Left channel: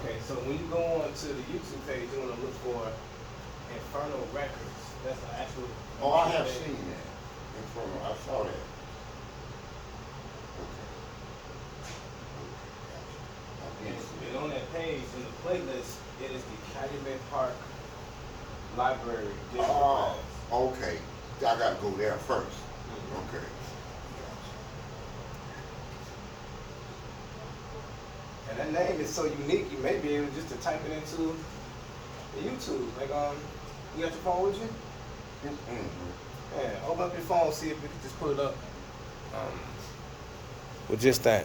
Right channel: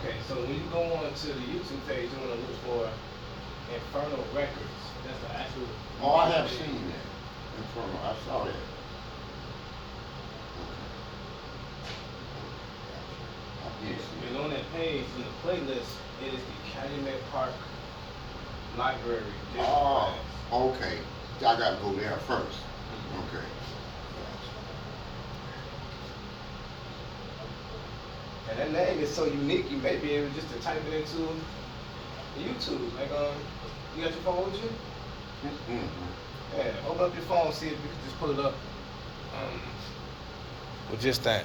Okay, so when you go on to the YouTube page, you want to look for Infernal Records. That's the actual. Oh, I have page. seen that. In front of, I saw that. Okay. Gotcha. I And, did see and that. on that page, in the playlist, it is the Calumet Park Library digital Oh, class. okay. I gotta go there first. Mhm. Okay. Gotcha. And that name is so unique, you may be able just to type it into the YouTube. Like, you got your phone with you? Mm-hmm. Yeah, open up your phone, see if you can just pull it up. With just that.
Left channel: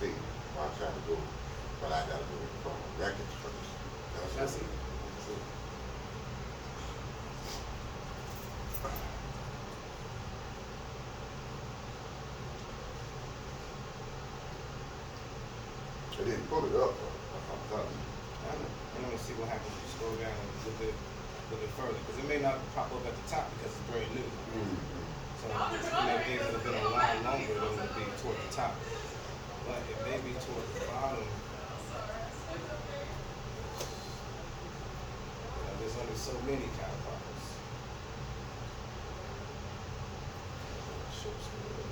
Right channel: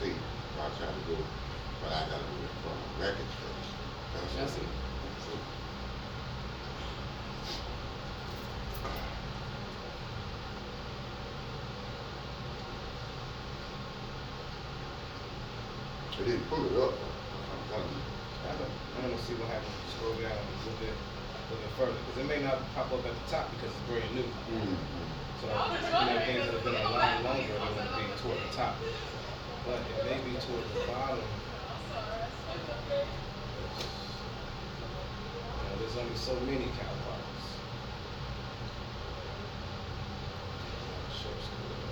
See, well, I tried to go, but I gotta go in front of records first. I see. That's it. They didn't pull it up though. That's what I'm telling you. I know. I'm gonna see what happens if you scroll down a little bit further, because it may not pop up at the top because it's very new. Mm-hmm. So, things that have been online longer, they're gonna be toward the top. But it may be toward the bottom. There's only so many cow parties. Short story.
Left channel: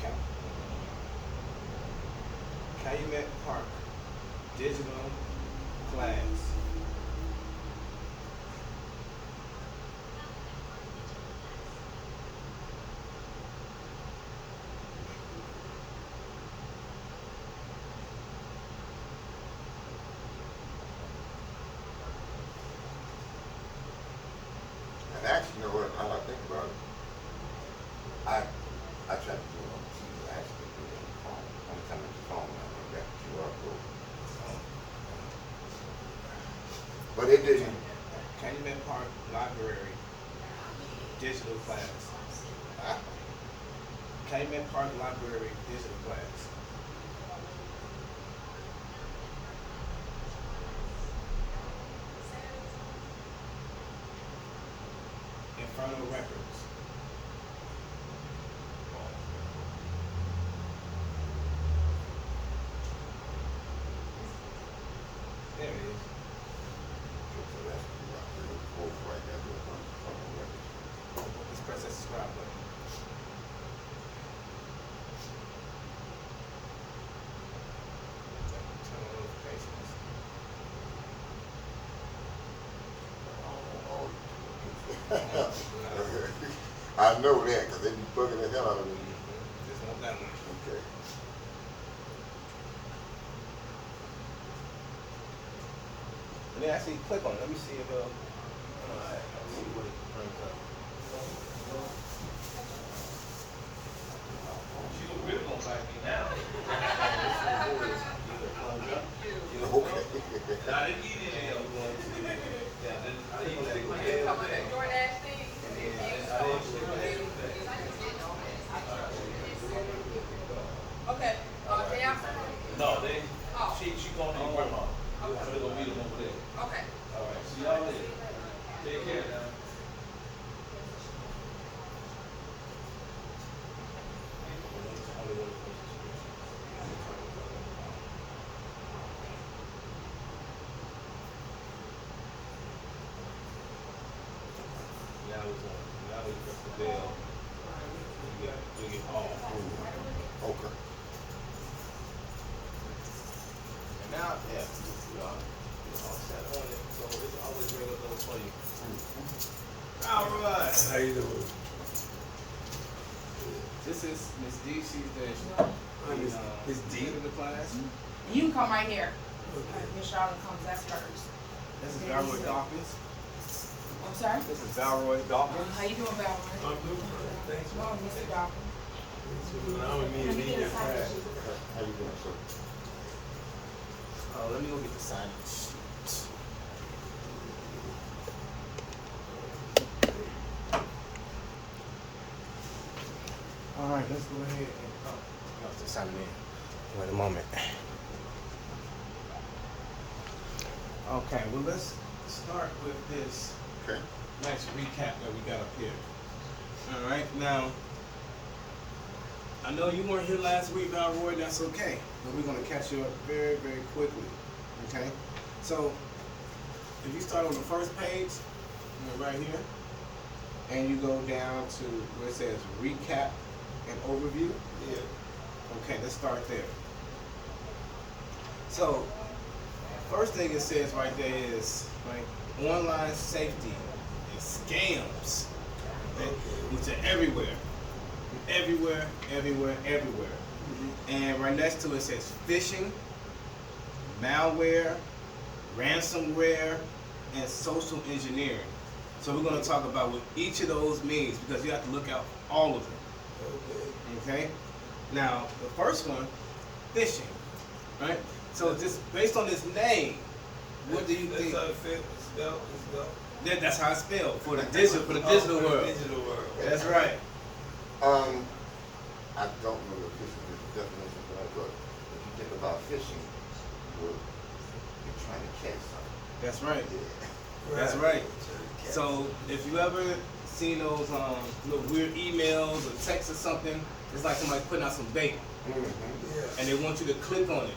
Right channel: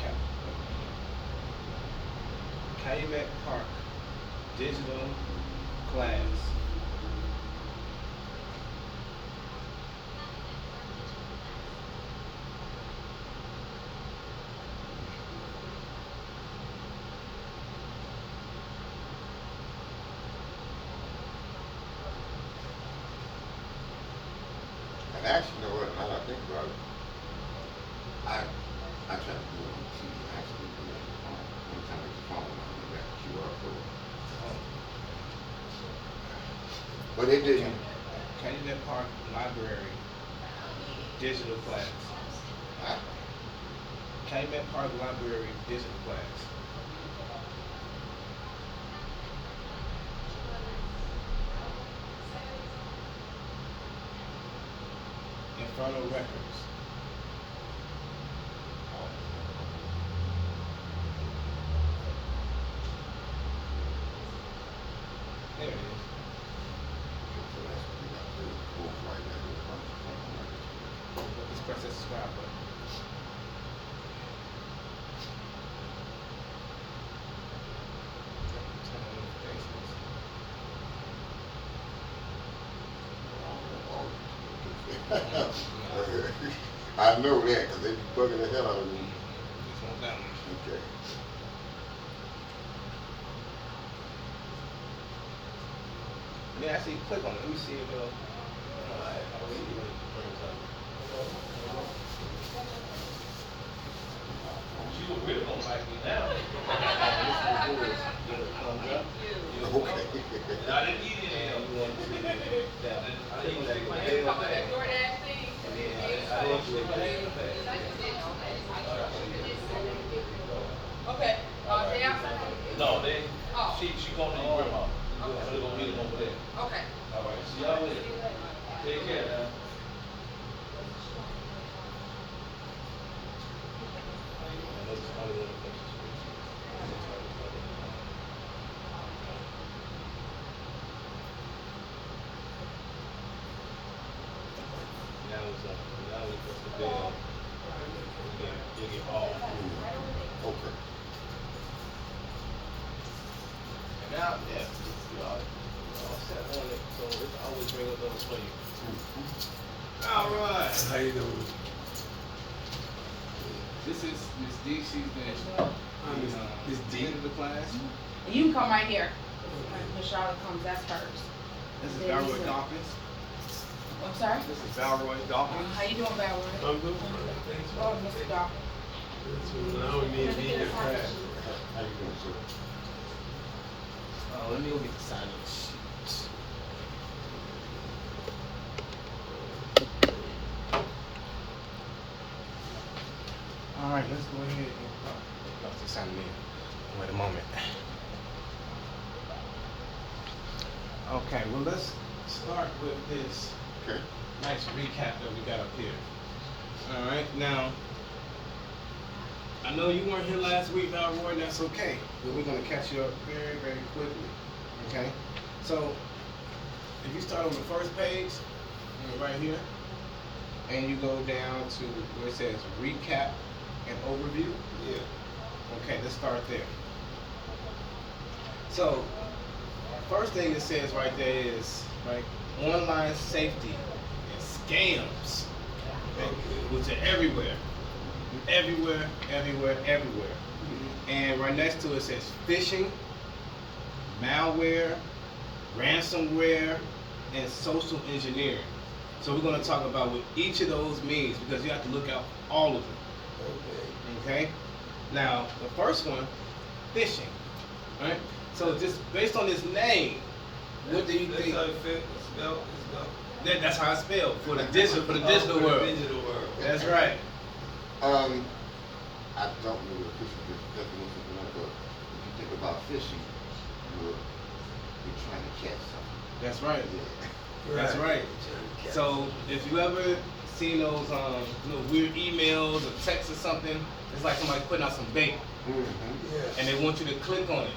Ca- Calumet Park digital class. And actually, you know what? Now that I think about it, I tried to do it on the TV. I actually do it on the phone. Only time on the phone when I went back to QR code. Oh, But it didn't. Calumet Park Library digital class. I, Calumet Park Library digital class. Infernal Records. There it is. so that's what we got to do. Both right there. Do it from the records. Just press that subscribe button. Turn on notifications. I know that because they be bugging the hell out of me. Just want that one. Okay. And then actually click on it. Let me see if I see what it brings up. She was really gonna back me down. What this will do is give it a thumbs up. Okay. I didn't eat And it. you want to click on that little bell I there. didn't And then eventually Okay, they are, No, they, Oh. she going to Bernard. I'm gonna go meet them over there. okay. All right, see y'all later. Take care now. And that's the only one that makes it speak. Now we press the bell. You get all. Okay. And now, yeah, y'all set on it, so it's always bring up those for you. All right. How you doing? This is Miss D. She's the Miss D. head of the class. You can come right here. Miss Charlotte comes, that's first. This is Then Valroy this Dawkins. I'm sorry? This is Valroy Dawkins. How you doing, Valerie? I'm doing fine, thanks. Oh, Mr. Dawkins. Thanks for allowing me to be in your class. How you doing, sir? let me go get the sign in sheet. Alright, let's go ahead and I'll just sign in. Wait a moment. Okay, well let's start with this Okay. nice recap that we got up here. Alright, now I know you weren't here last week, Roy, that's okay. But we're gonna catch you up very, very quickly. Okay? So if you start on the first page, right here, and you go down to where it says recap and overview. Yeah. Okay, let's start there. So first thing it says right there is right online safety and scams, okay, which are everywhere. Everywhere. And right next to it says phishing, malware, ransomware, and social engineering. So we're going to talk about what each of those means because you have to look out for all of them. Okay? Now, the first one, phishing. Right? So just based on this name, what do you think? That's how it's spelled. That's how it's spelled for the digital world. Digital world. That's right. I don't know the fishing definition for that, but if you think about fishing, you're trying to catch something. That's right. Yeah. That's right. So if you ever seen those little weird emails or texts or something, it's like somebody putting out some bait, Mm-hmm. and they want you to click on it.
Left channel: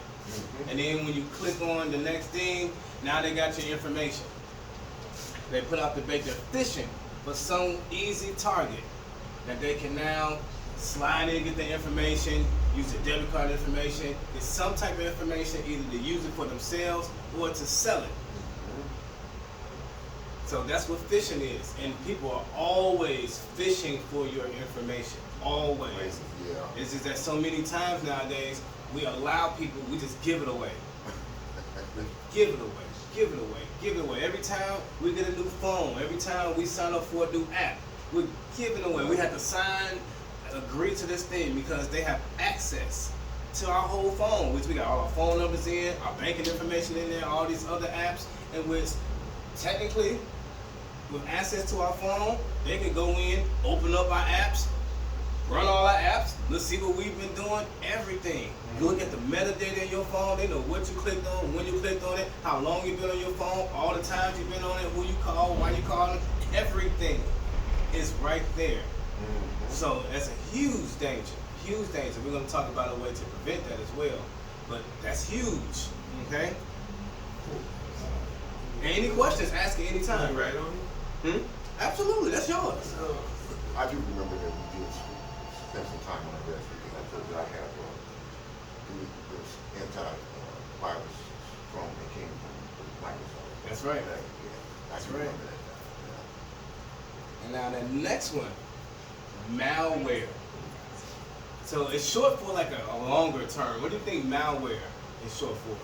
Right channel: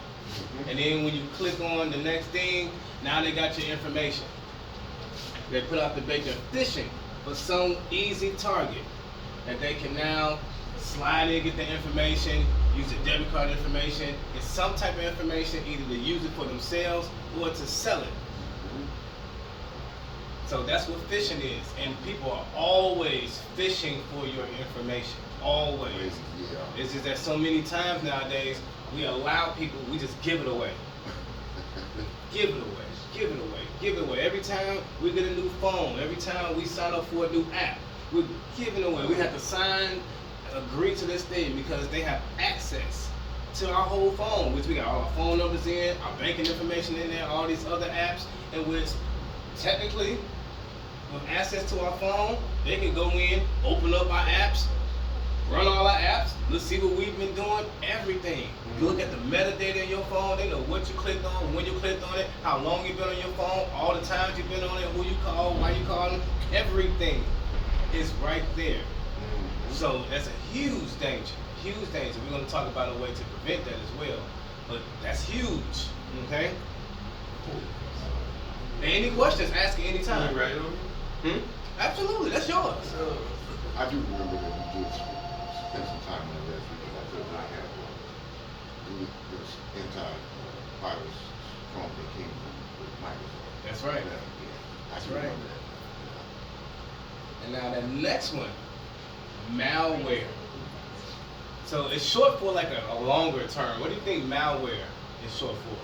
And then when you click on the next thing, now they got your information. They put out the bait. They're fishing for some easy target that they can now slide in, get the information, use the debit card information, get some type of information, either to use it for themselves or to sell it. So that's what phishing is, and people are always fishing for your information. Always. Yeah. It's just that so many times nowadays we allow people, we just give it away. Give it away. Give it away. Give it away. Every time we get a new phone, every time we sign up for a new app, we're giving away. We have to agree to this thing because they have access to our whole phone, which we got all our phone numbers in, our banking information in there, all these other apps, and which technically, with access to our phone, they can go in, open up our apps, run all our apps, let's see what we've been doing, everything. You look at the metadata in your phone, they know what you clicked on, when you clicked on it, how long you've been on your phone, all the times you've been on it, who you called, why you called, everything is right there. So that's a huge danger, huge danger. We're going to talk about a way to prevent that as well, but that's huge, okay? Any questions, ask at any time. Right on Absolutely, that's yours. So, I do remember that you did spend some time on the rest because I told you I have this anti-virus from that came from Microsoft. That's right. Yeah, I That's do right. remember that now. And now the next one, malware. So it's short for like a longer term. What do you think malware is short for?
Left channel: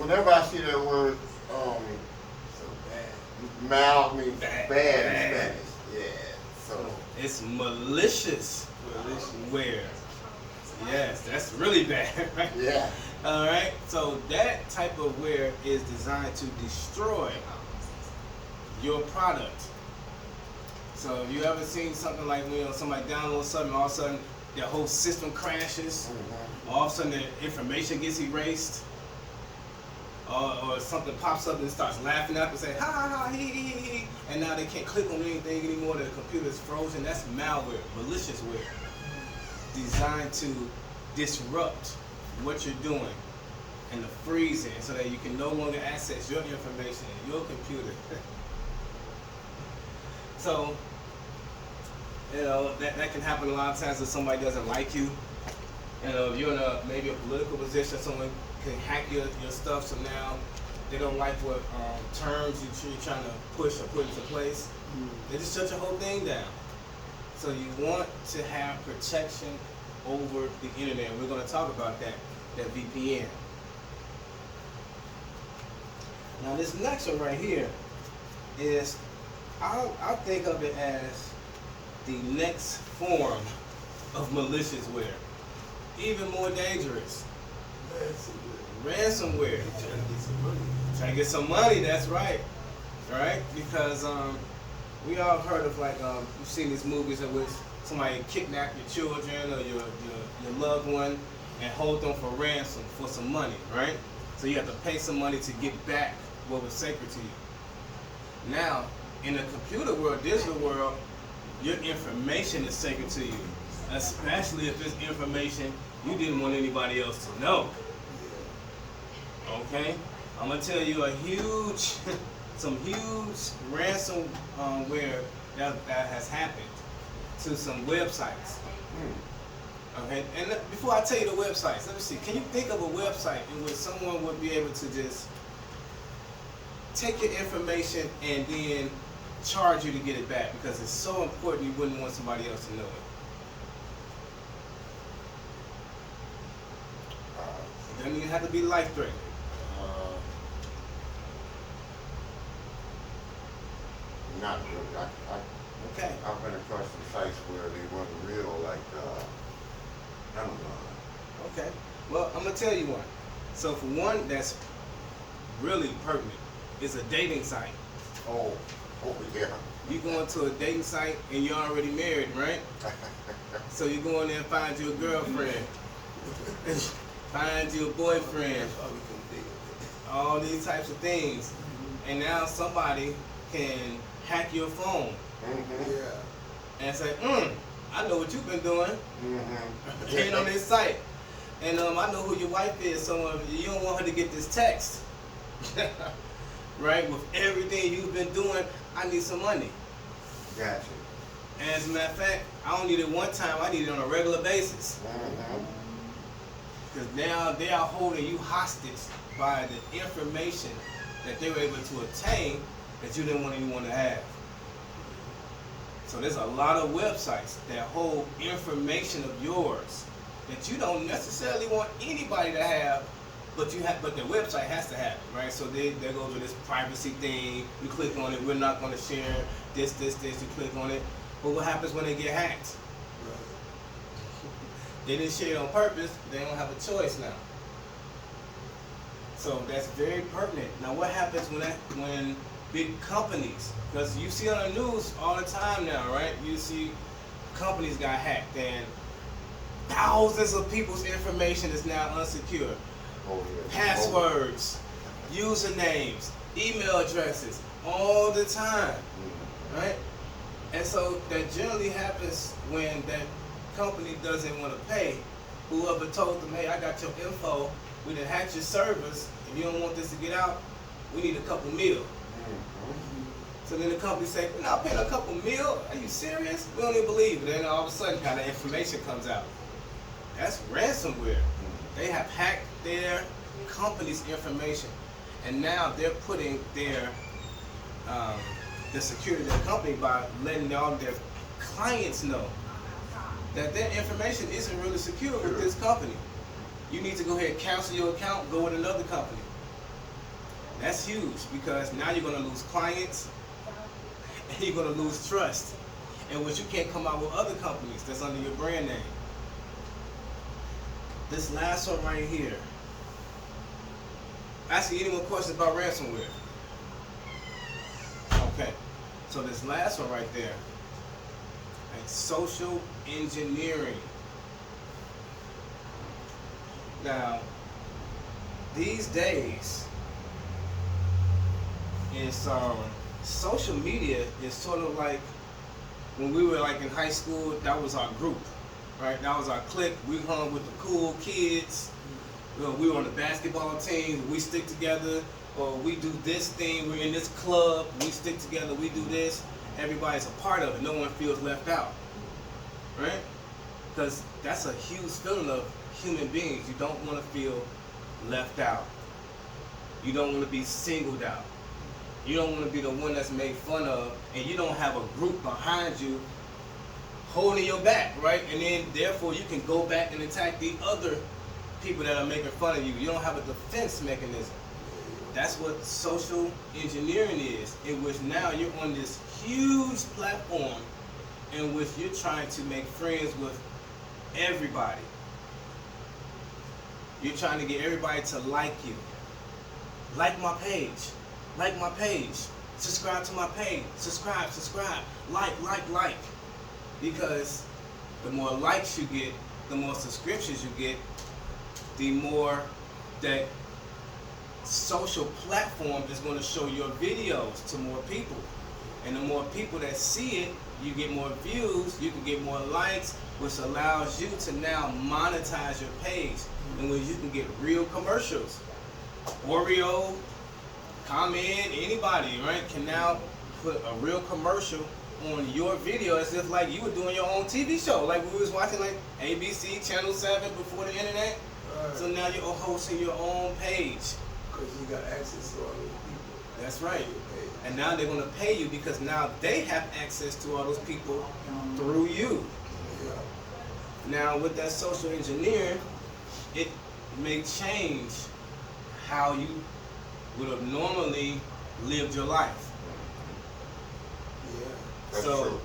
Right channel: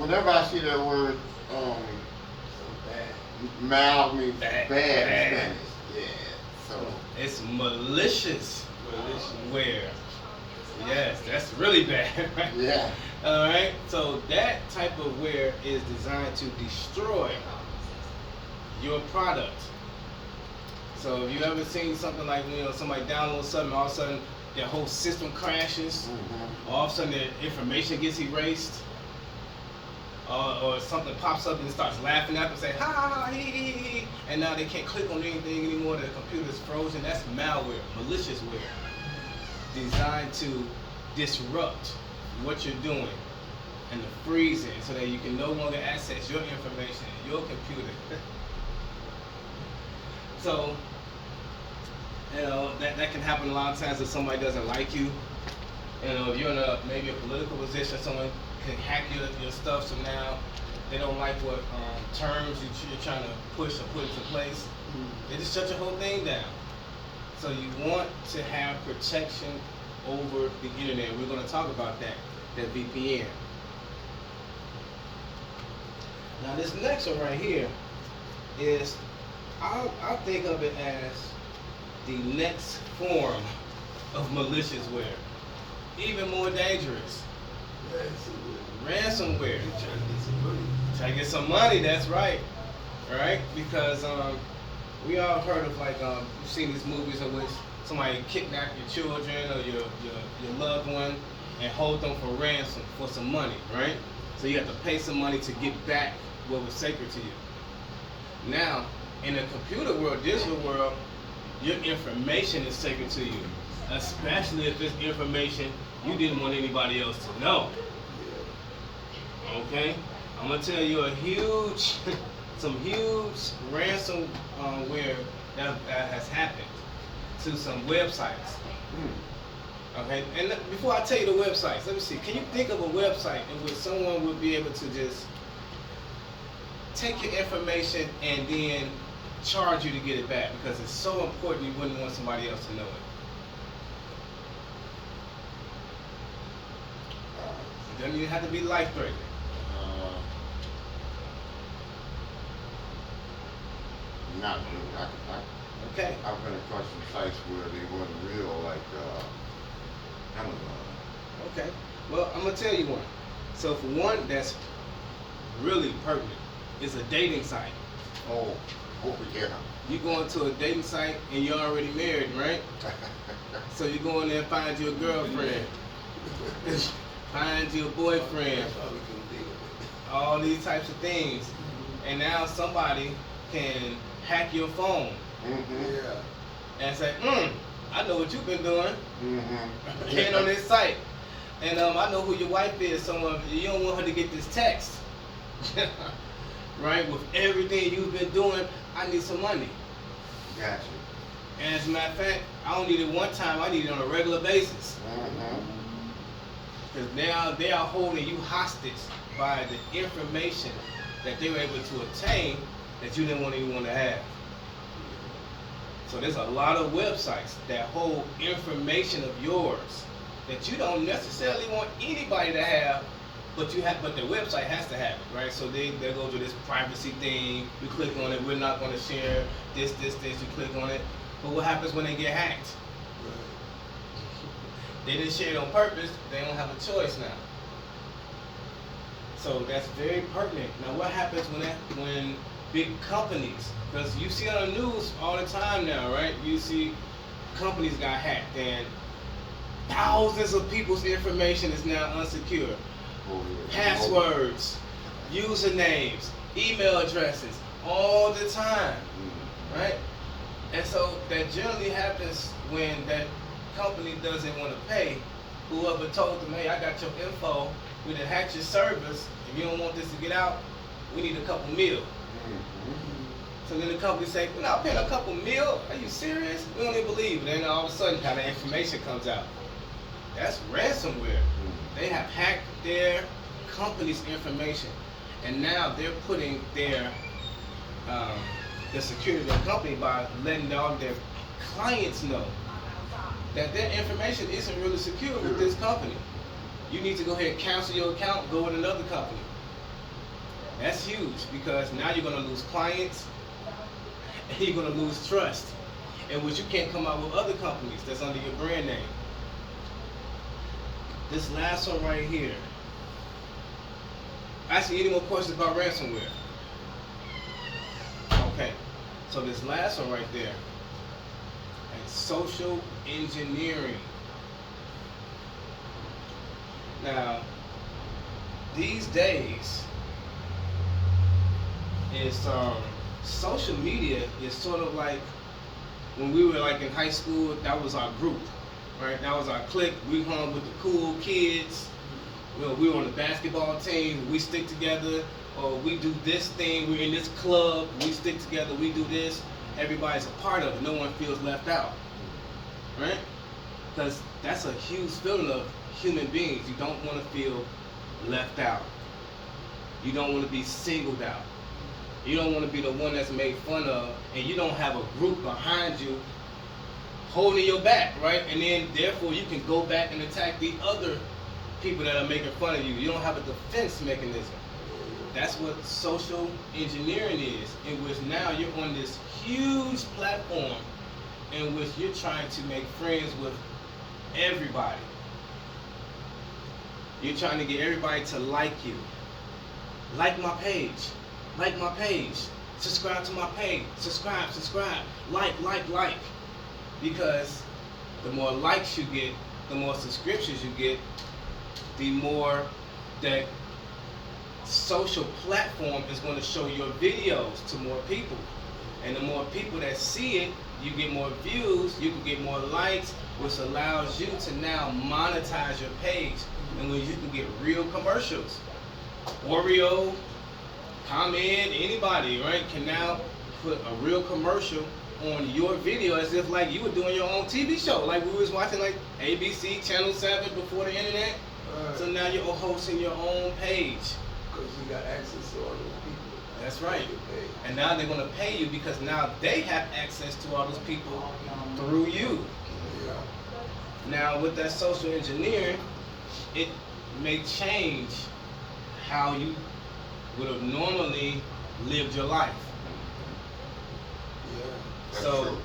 Whenever I see that word, so bad. mal means Bad. bad in Spanish. Yeah. So It's malicious ware. Yes, that's really bad, right? yeah. All right. So that type of ware is designed to destroy your product. So if you ever seen something like somebody downloads something, all of a sudden their whole system crashes, all of a sudden the information gets erased, or something pops up and it starts laughing at them and say ha ha ha hee hee hee, and now they can't click on anything anymore. The computer's frozen. That's malware, malicious ware, designed to disrupt what you're doing and the freezing, so that you can no longer access your information, your computer. So, that can happen a lot of times if somebody doesn't like you. If you're in maybe a political position, someone can hack your stuff, so now they don't like what terms you're trying to push or put into place. They just shut your whole thing down. So you want to have protection over the internet. We're going to talk about that VPN. Now this next one right here is, I think of it as the next form of malicious ware, even more dangerous. Ransomware. They trying to get some money. Try to get some money, that's right. Right? Because we all heard of like you've seen these movies in which somebody kidnap your children or your loved one and hold them for ransom for some money, right? So you have to pay some money to get back what was sacred to you. Now, in the computer world, digital world, your information is sacred to you, especially if it's information you didn't want anybody else to know. Okay? I'm gonna tell you some huge ransomware that has happened to some websites. Okay, and before I tell you the websites, let me see. Can you think of a website in which someone would be able to just take your information and then charge you to get it back because it's so important you wouldn't want somebody else to know it? It doesn't even have to be life-threatening. Not really. Okay. I've been across some sites where they weren't real, like Amazon. Okay. Well, I'm gonna tell you one. So for one that's really pertinent is a dating site. Oh yeah. You go into a dating site and you're already married, right? So you go in there and find you a girlfriend, find you a boyfriend, That's why we couldn't deal with it. all these types of things. And now somebody can hack your phone Yeah. and say, I know what you've been doing. And on this site. And I know who your wife is, so you don't want her to get this text. Right? With everything you've been doing, I need some money. Gotcha. And as a matter of fact, I don't need it one time, I need it on a regular basis. Because now they are holding you hostage by the information that they were able to obtain that you didn't want anyone to have. So there's a lot of websites that hold information of yours that you don't necessarily want anybody to have, but the website has to have it, right? So there goes with this privacy thing. You click on it, we're not going to share this. You click on it, but what happens when they get hacked? They didn't share it on purpose. They don't have a choice now. So that's very pertinent. Now, what happens when big companies? Because you see on the news all the time now, right? You see companies got hacked and thousands of people's information is now unsecured. Oh, yeah. Passwords, usernames, email addresses, all the time, right? And so that generally happens when that company doesn't want to pay. Whoever told them, hey, I got your info, we done hacked your servers, if you don't want this to get out, we need a couple mil. So then the company say, we're not paying a couple mil, are you serious? We don't even believe it. Then all of a sudden, how the information comes out. That's ransomware. They have hacked their company's information, and now they're putting their the security of their company by letting all their clients know that their information isn't really secure with this company. You need to go ahead and cancel your account, go with another company. That's huge because now you're going to lose clients and you're going to lose trust, in which you can't come out with other companies that's under your brand name. This last one right here. Actually, any more questions about ransomware? Okay, so this last one right there, like social engineering. Now, these days, it's social media is sort of like when we were like in high school. That was our group, right? That was our clique. We hung with the cool kids. We were on the basketball team. We stick together, or we do this thing. We're in this club. We stick together. We do this. Everybody's a part of it. No one feels left out, right? Because that's a huge feeling of human beings. You don't want to feel left out. You don't want to be singled out. You don't want to be the one that's made fun of, and you don't have a group behind you holding your back, right? And then therefore you can go back and attack the other people that are making fun of you. You don't have a defense mechanism. That's what social engineering is, in which now you're on this huge platform in which you're trying to make friends with everybody. You're trying to get everybody to like you. Like my page. Like my page. Subscribe to my page. Subscribe. Like. Because the more likes you get, the more subscriptions you get, the more that social platform is going to show your videos to more people. And the more people that see it, you get more views, you can get more likes, which allows you to now monetize your page. And when you can get real commercials. Oreo, ComEd, anybody, right, can now put a real commercial on your video as if like you were doing your own TV show. Like we was watching like ABC, Channel 7 before the internet. Right. So now you're hosting your own page. Because you got access to all those people. That's right. Your page. And now they're going to pay you because now they have access to all those people through you. Yeah. Now with that social engineering, it may change how you would have normally lived your life. Yeah. That's So, true.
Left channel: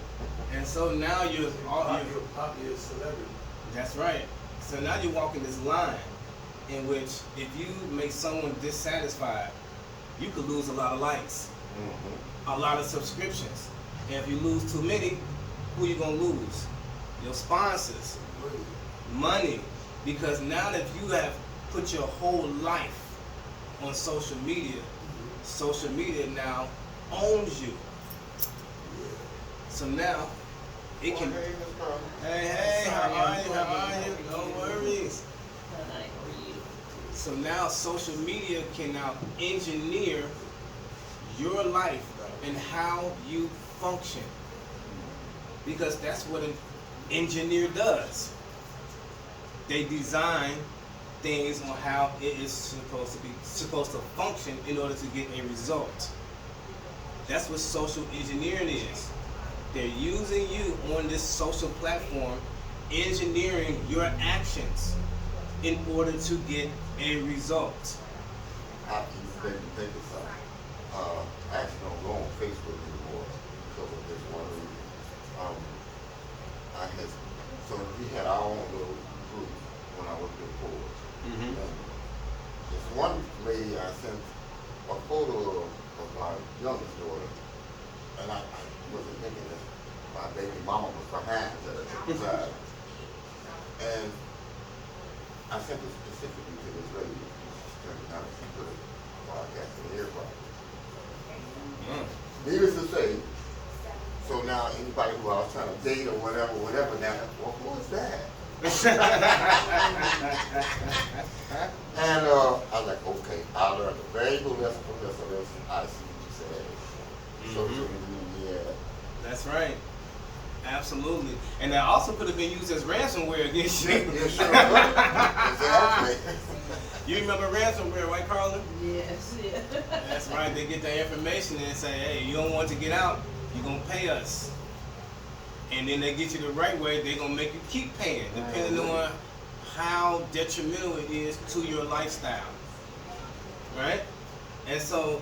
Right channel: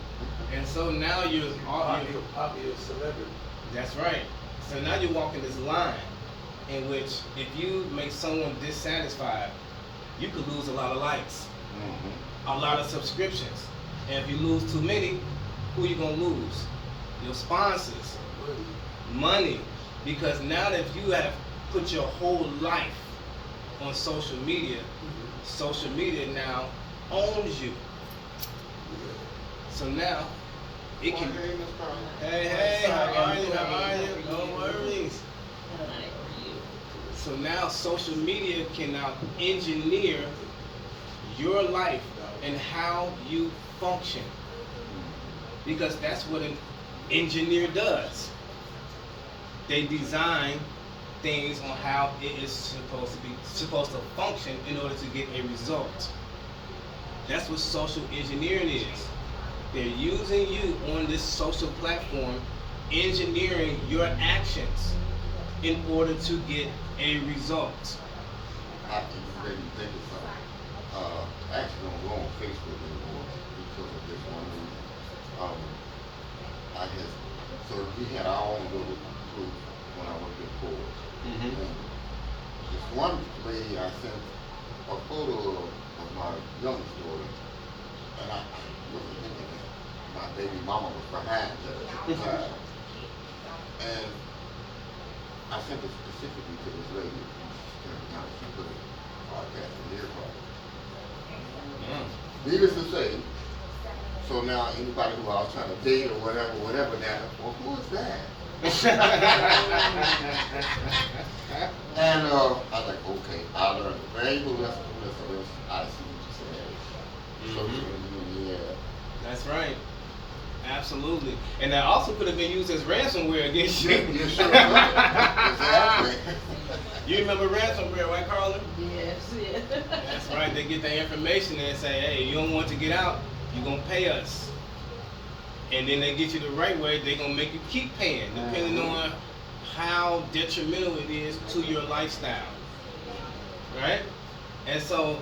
and so now you're Popular celebrity. that's right. So now you're walking this line in which if you make someone dissatisfied, you could lose a lot of likes, a lot of subscriptions. And if you lose too many, who you gonna lose? Your sponsors, Really. money. Because now that you have put your whole life on social media now owns you. Yeah. So now it can. Hey, Miss Carla. Hey, how are you? How are you? No worries. So now social media can now engineer your life and how you function. Because that's what an engineer does. They design things on how it is supposed to function in order to get a result. That's what social engineering is. They're using you on this social platform, engineering your actions in order to get a result. I keep maybe thinking something. I actually don't go on Facebook anymore because of this one reason. So we had our own little group when I was in Forge. Mm-hmm. And this one lady, I sent a photo of my youngest daughter, and I wasn't thinking that my baby mama was behind her at the time. And I sent it specifically to this lady. She turned it out, she put it podcast in the earphone. Needless to say, so now anybody who I was trying to date or whatever now, well, who is that? And I was like, okay, I'll learn a very good lesson from this. So this, I see what you said. Social engineering, yeah. That's right. Absolutely. And that also could have been used as ransomware against you. Yeah, sure. Exactly. You remember ransomware, right, Carla? Yes, yeah. That's right. They get that information and say, hey, you don't want to get out, you're going to pay us. And then they get you the right way, they're going to make you keep paying, depending on how detrimental it is to your lifestyle. Right? And so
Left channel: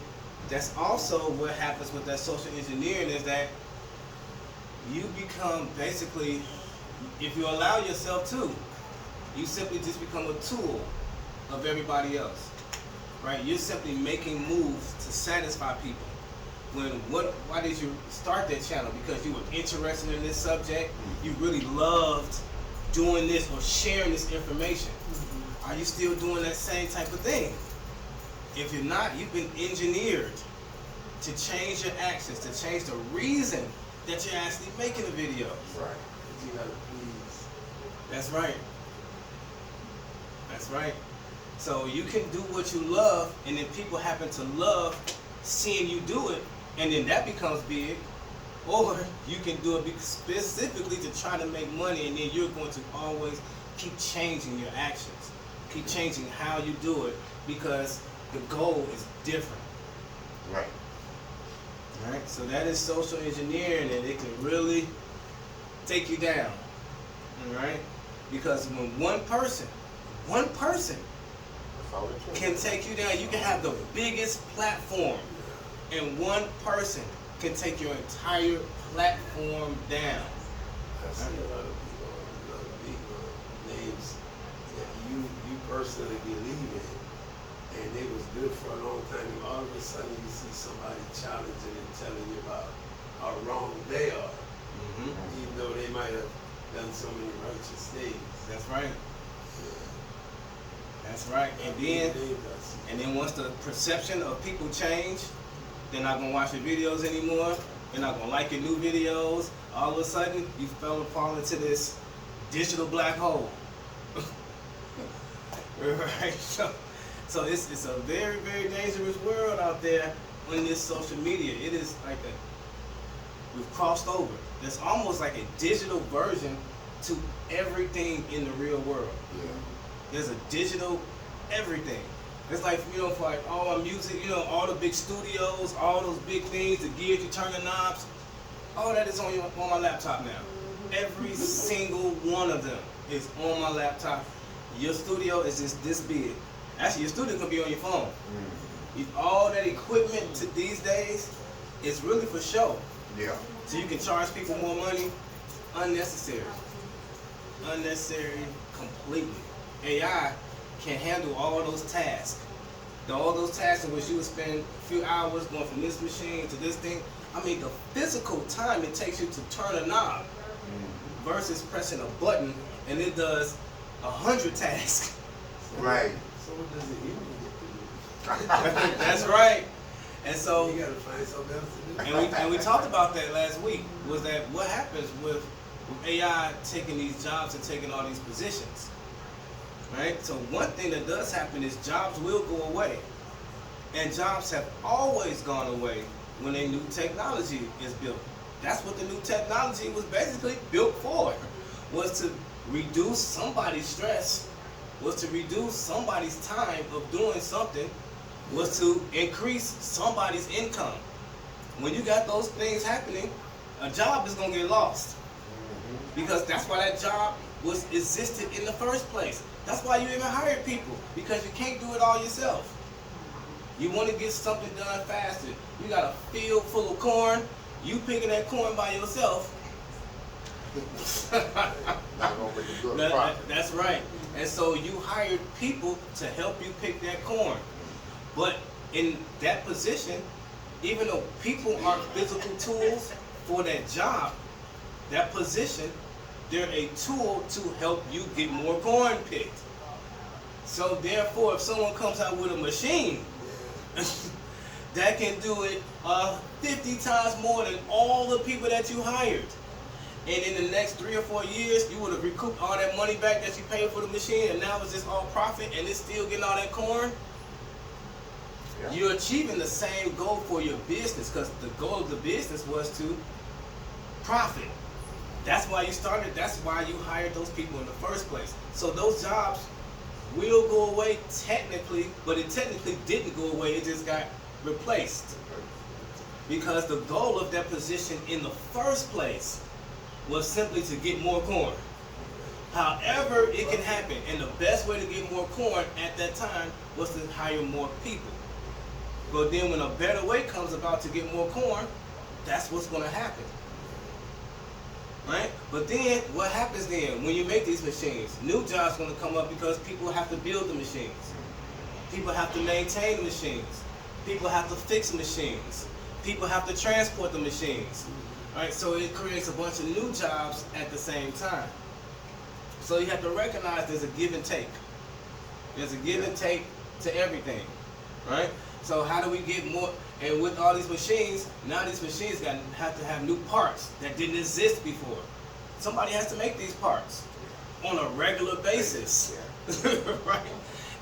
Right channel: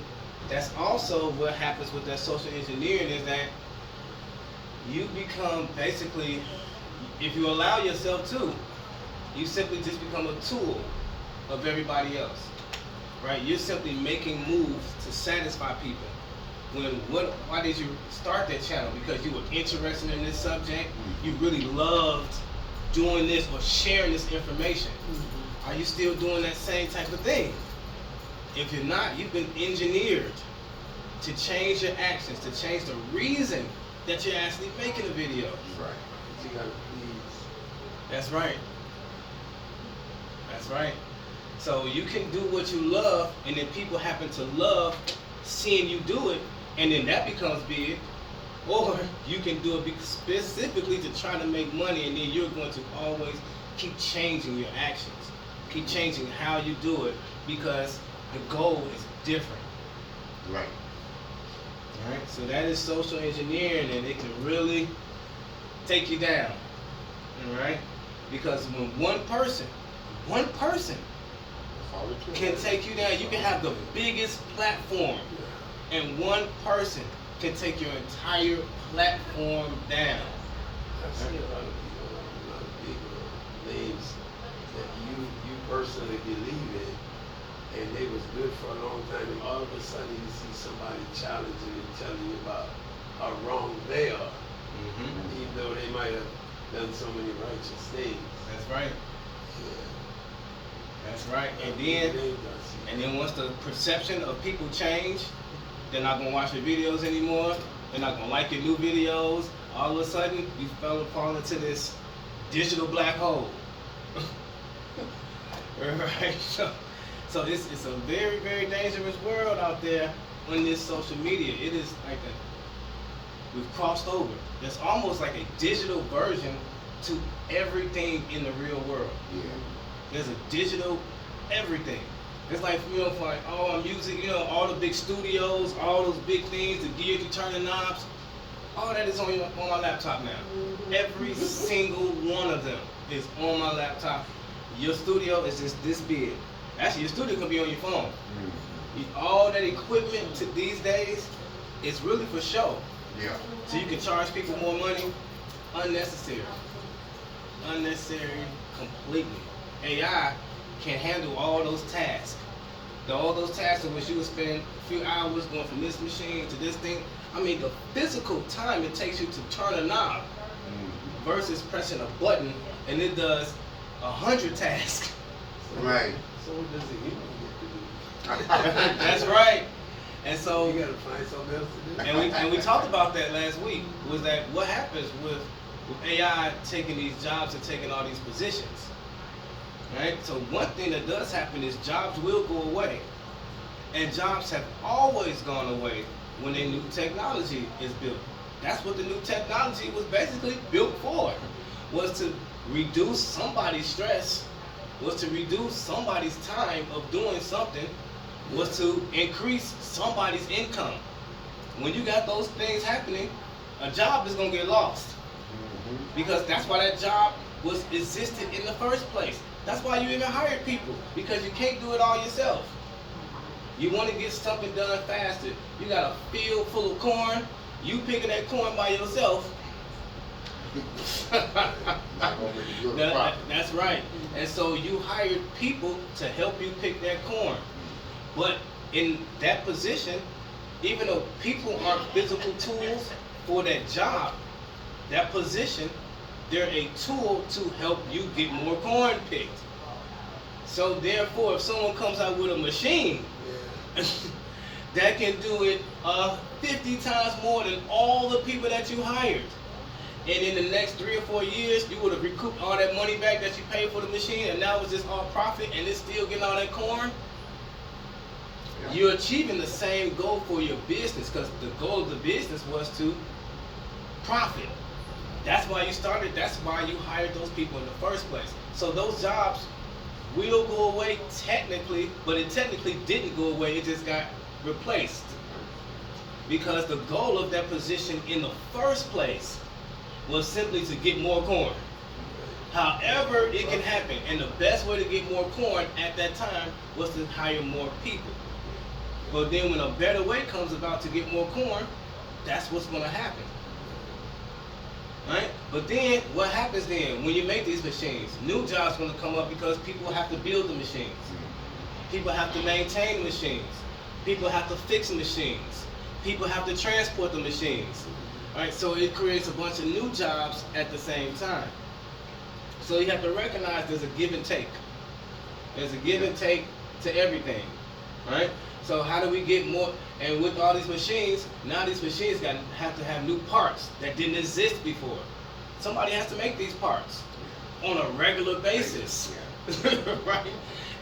that's also what happens with that social engineering is that you become basically, if you allow yourself to, you simply just become a tool of everybody else. Right? You're simply making moves to satisfy people. Why did you start that channel? Because you were interested in this subject, you really loved doing this or sharing this information. Are you still doing that same type of thing? If you're not, you've been engineered to change your actions, to change the reason that you're actually making a video. Right. But you gotta please. That's right. That's right. So you can do what you love, and then people happen to love seeing you do it, and then that becomes big. Or you can do it specifically to try to make money, and then you're going to always keep changing your actions, keep changing how you do it, because the goal is different. Right. All right. So that is social engineering, and it can really take you down. All right. Because when one person That's all it took. can take you down, you can have the biggest platform, and one person can take your entire platform down. I see a lot of people, a lot of big names that you personally believe in, and it was good for a long time, and all of a sudden you see somebody challenging and telling you about how wrong they are, Mm-hmm. even though they might have done so many righteous things. That's right. Yeah. That's right. And then once the perception of people change, they're not gonna watch your videos anymore. They're not gonna like your new videos. All of a sudden, you fall into this digital black hole. Right? So it's a very, very dangerous world out there on this social media. It is like we've crossed over. It's almost like a digital version to everything in the real world. Yeah. There's a digital everything. It's like, you know, for like all our music, you know, all the big studios, all those big things, the gears you turn the knobs, all that is on my laptop now. Every single one of them is on my laptop. Your studio is just this big. Actually, your studio could be on your phone. All that equipment these days is really for show. Yeah. So you can charge people more money. Unnecessary. Unnecessary completely. AI can handle all those tasks. All those tasks in which you would spend a few hours going from this machine to this thing. I mean, the physical time it takes you to turn a knob versus pressing a button and it does 100 tasks. Right. So what does it even get to do? That's right. And so, You gotta find something else to do. and we talked about that last week, was that what happens with AI taking these jobs and taking all these positions, right? So one thing that does happen is jobs will go away, and jobs have always gone away when a new technology is built. That's what the new technology was basically built for, was to reduce somebody's stress, was to reduce somebody's time of doing something, was to increase somebody's income. When you got those things happening, a job is gonna get lost. Because that's why that job was existed in the first place. That's why you even hired people, because you can't do it all yourself. You want to get something done faster. You got a field full of corn, you picking that corn by yourself. Not gonna make a good profit. That's right. And so you hired people to help you pick that corn. But in that position, even though people aren't physical tools for that job, that position, they're a tool to help you get more corn picked. So therefore, if someone comes out with a machine that can do it 50 times more than all the people that you hired, and in the next 3 or 4 years, you would have recouped all that money back that you paid for the machine, and now it's just all profit, and it's still getting all that corn. Yeah. You're achieving the same goal for your business, because the goal of the business was to profit. That's why you started. That's why you hired those people in the first place. So those jobs will go away technically, but it technically didn't go away. It just got replaced, because the goal of that position in the first place was simply to get more corn. However it can happen, and the best way to get more corn at that time was to hire more people. But then when a better way comes about to get more corn, that's what's going to happen. Right? But then what happens then when you make these machines? New jobs going to come up, because people have to build the machines. People have to maintain the machines. People have to fix the machines. People have to transport the machines. Right? So it creates a bunch of new jobs at the same time. So you have to recognize there's a give and take. There's a give and take to everything. Right? So how do we get more? And with all these machines, now these machines have to have new parts that didn't exist before. Somebody has to make these parts on a regular basis. Right?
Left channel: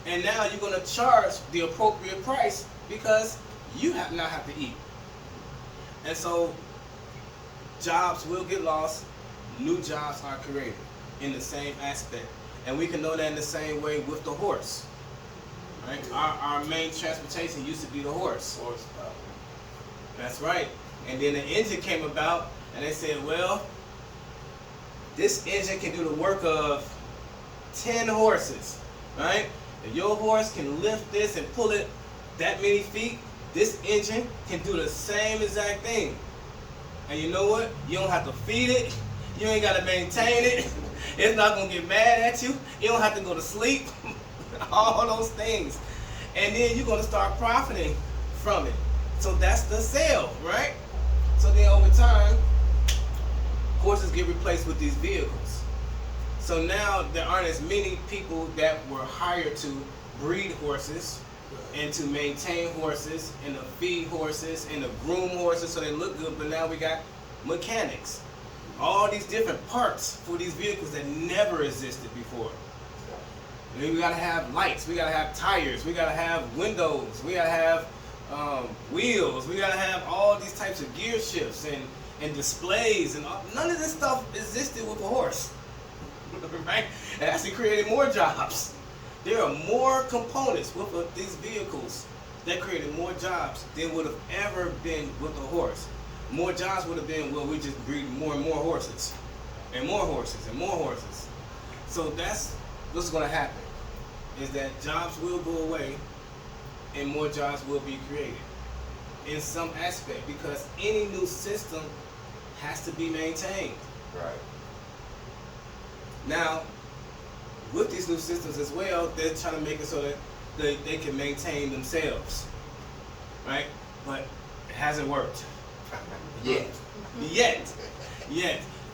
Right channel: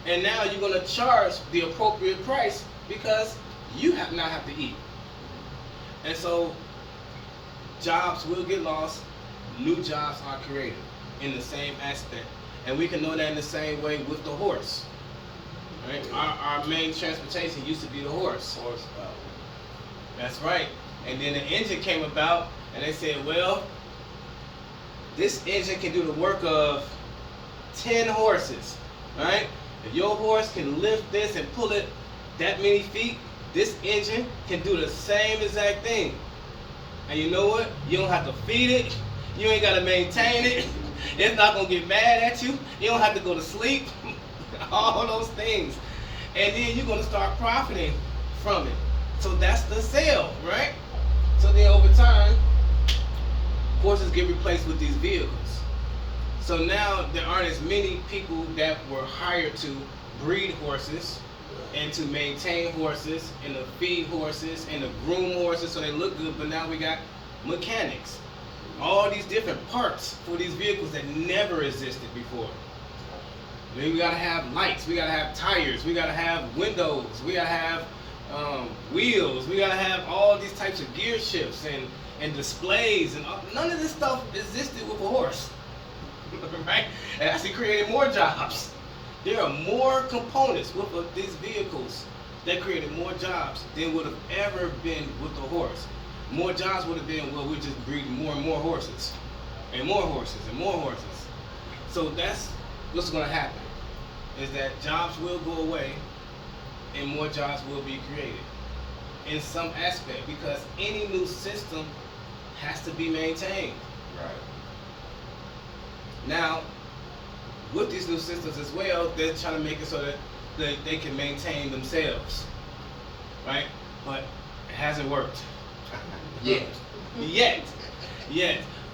And now you're going to charge the appropriate price, because you now have to eat. And so jobs will get lost, new jobs are created in the same aspect. And we can know that in the same way with the horse. Right? Our main transportation used to be the horse. Horsepower. That's right. And then the engine came about, and they said, well, this engine can do the work of 10 horses, right? If your horse can lift this and pull it that many feet, this engine can do the same exact thing. And you know what? You don't have to feed it. You ain't got to maintain it. It's not going to get mad at you. You don't have to go to sleep. all those things. And then you're gonna start profiting from it. So that's the sale, right? So then over time, horses get replaced with these vehicles. So now there aren't as many people that were hired to breed horses and to maintain horses and to feed horses and to groom horses so they look good, but now we got mechanics. All these different parts for these vehicles that never existed before. Then we gotta have lights, we gotta have tires, we gotta have windows, we gotta have wheels, we gotta have all these types of gear shifts and displays, and none of this stuff existed with a horse, right? It actually created more jobs. There are more components with these vehicles that created more jobs than would have ever been with a horse. More jobs would have been, well, we just breed more and more horses, and more horses, and more horses. So that's what's going to happen, is that jobs will go away, and more jobs will be created in some aspect, because any new system has to be maintained. Right. Now, with these new systems as well, they're trying to make it so that they can maintain themselves, right? But it hasn't worked. Yet.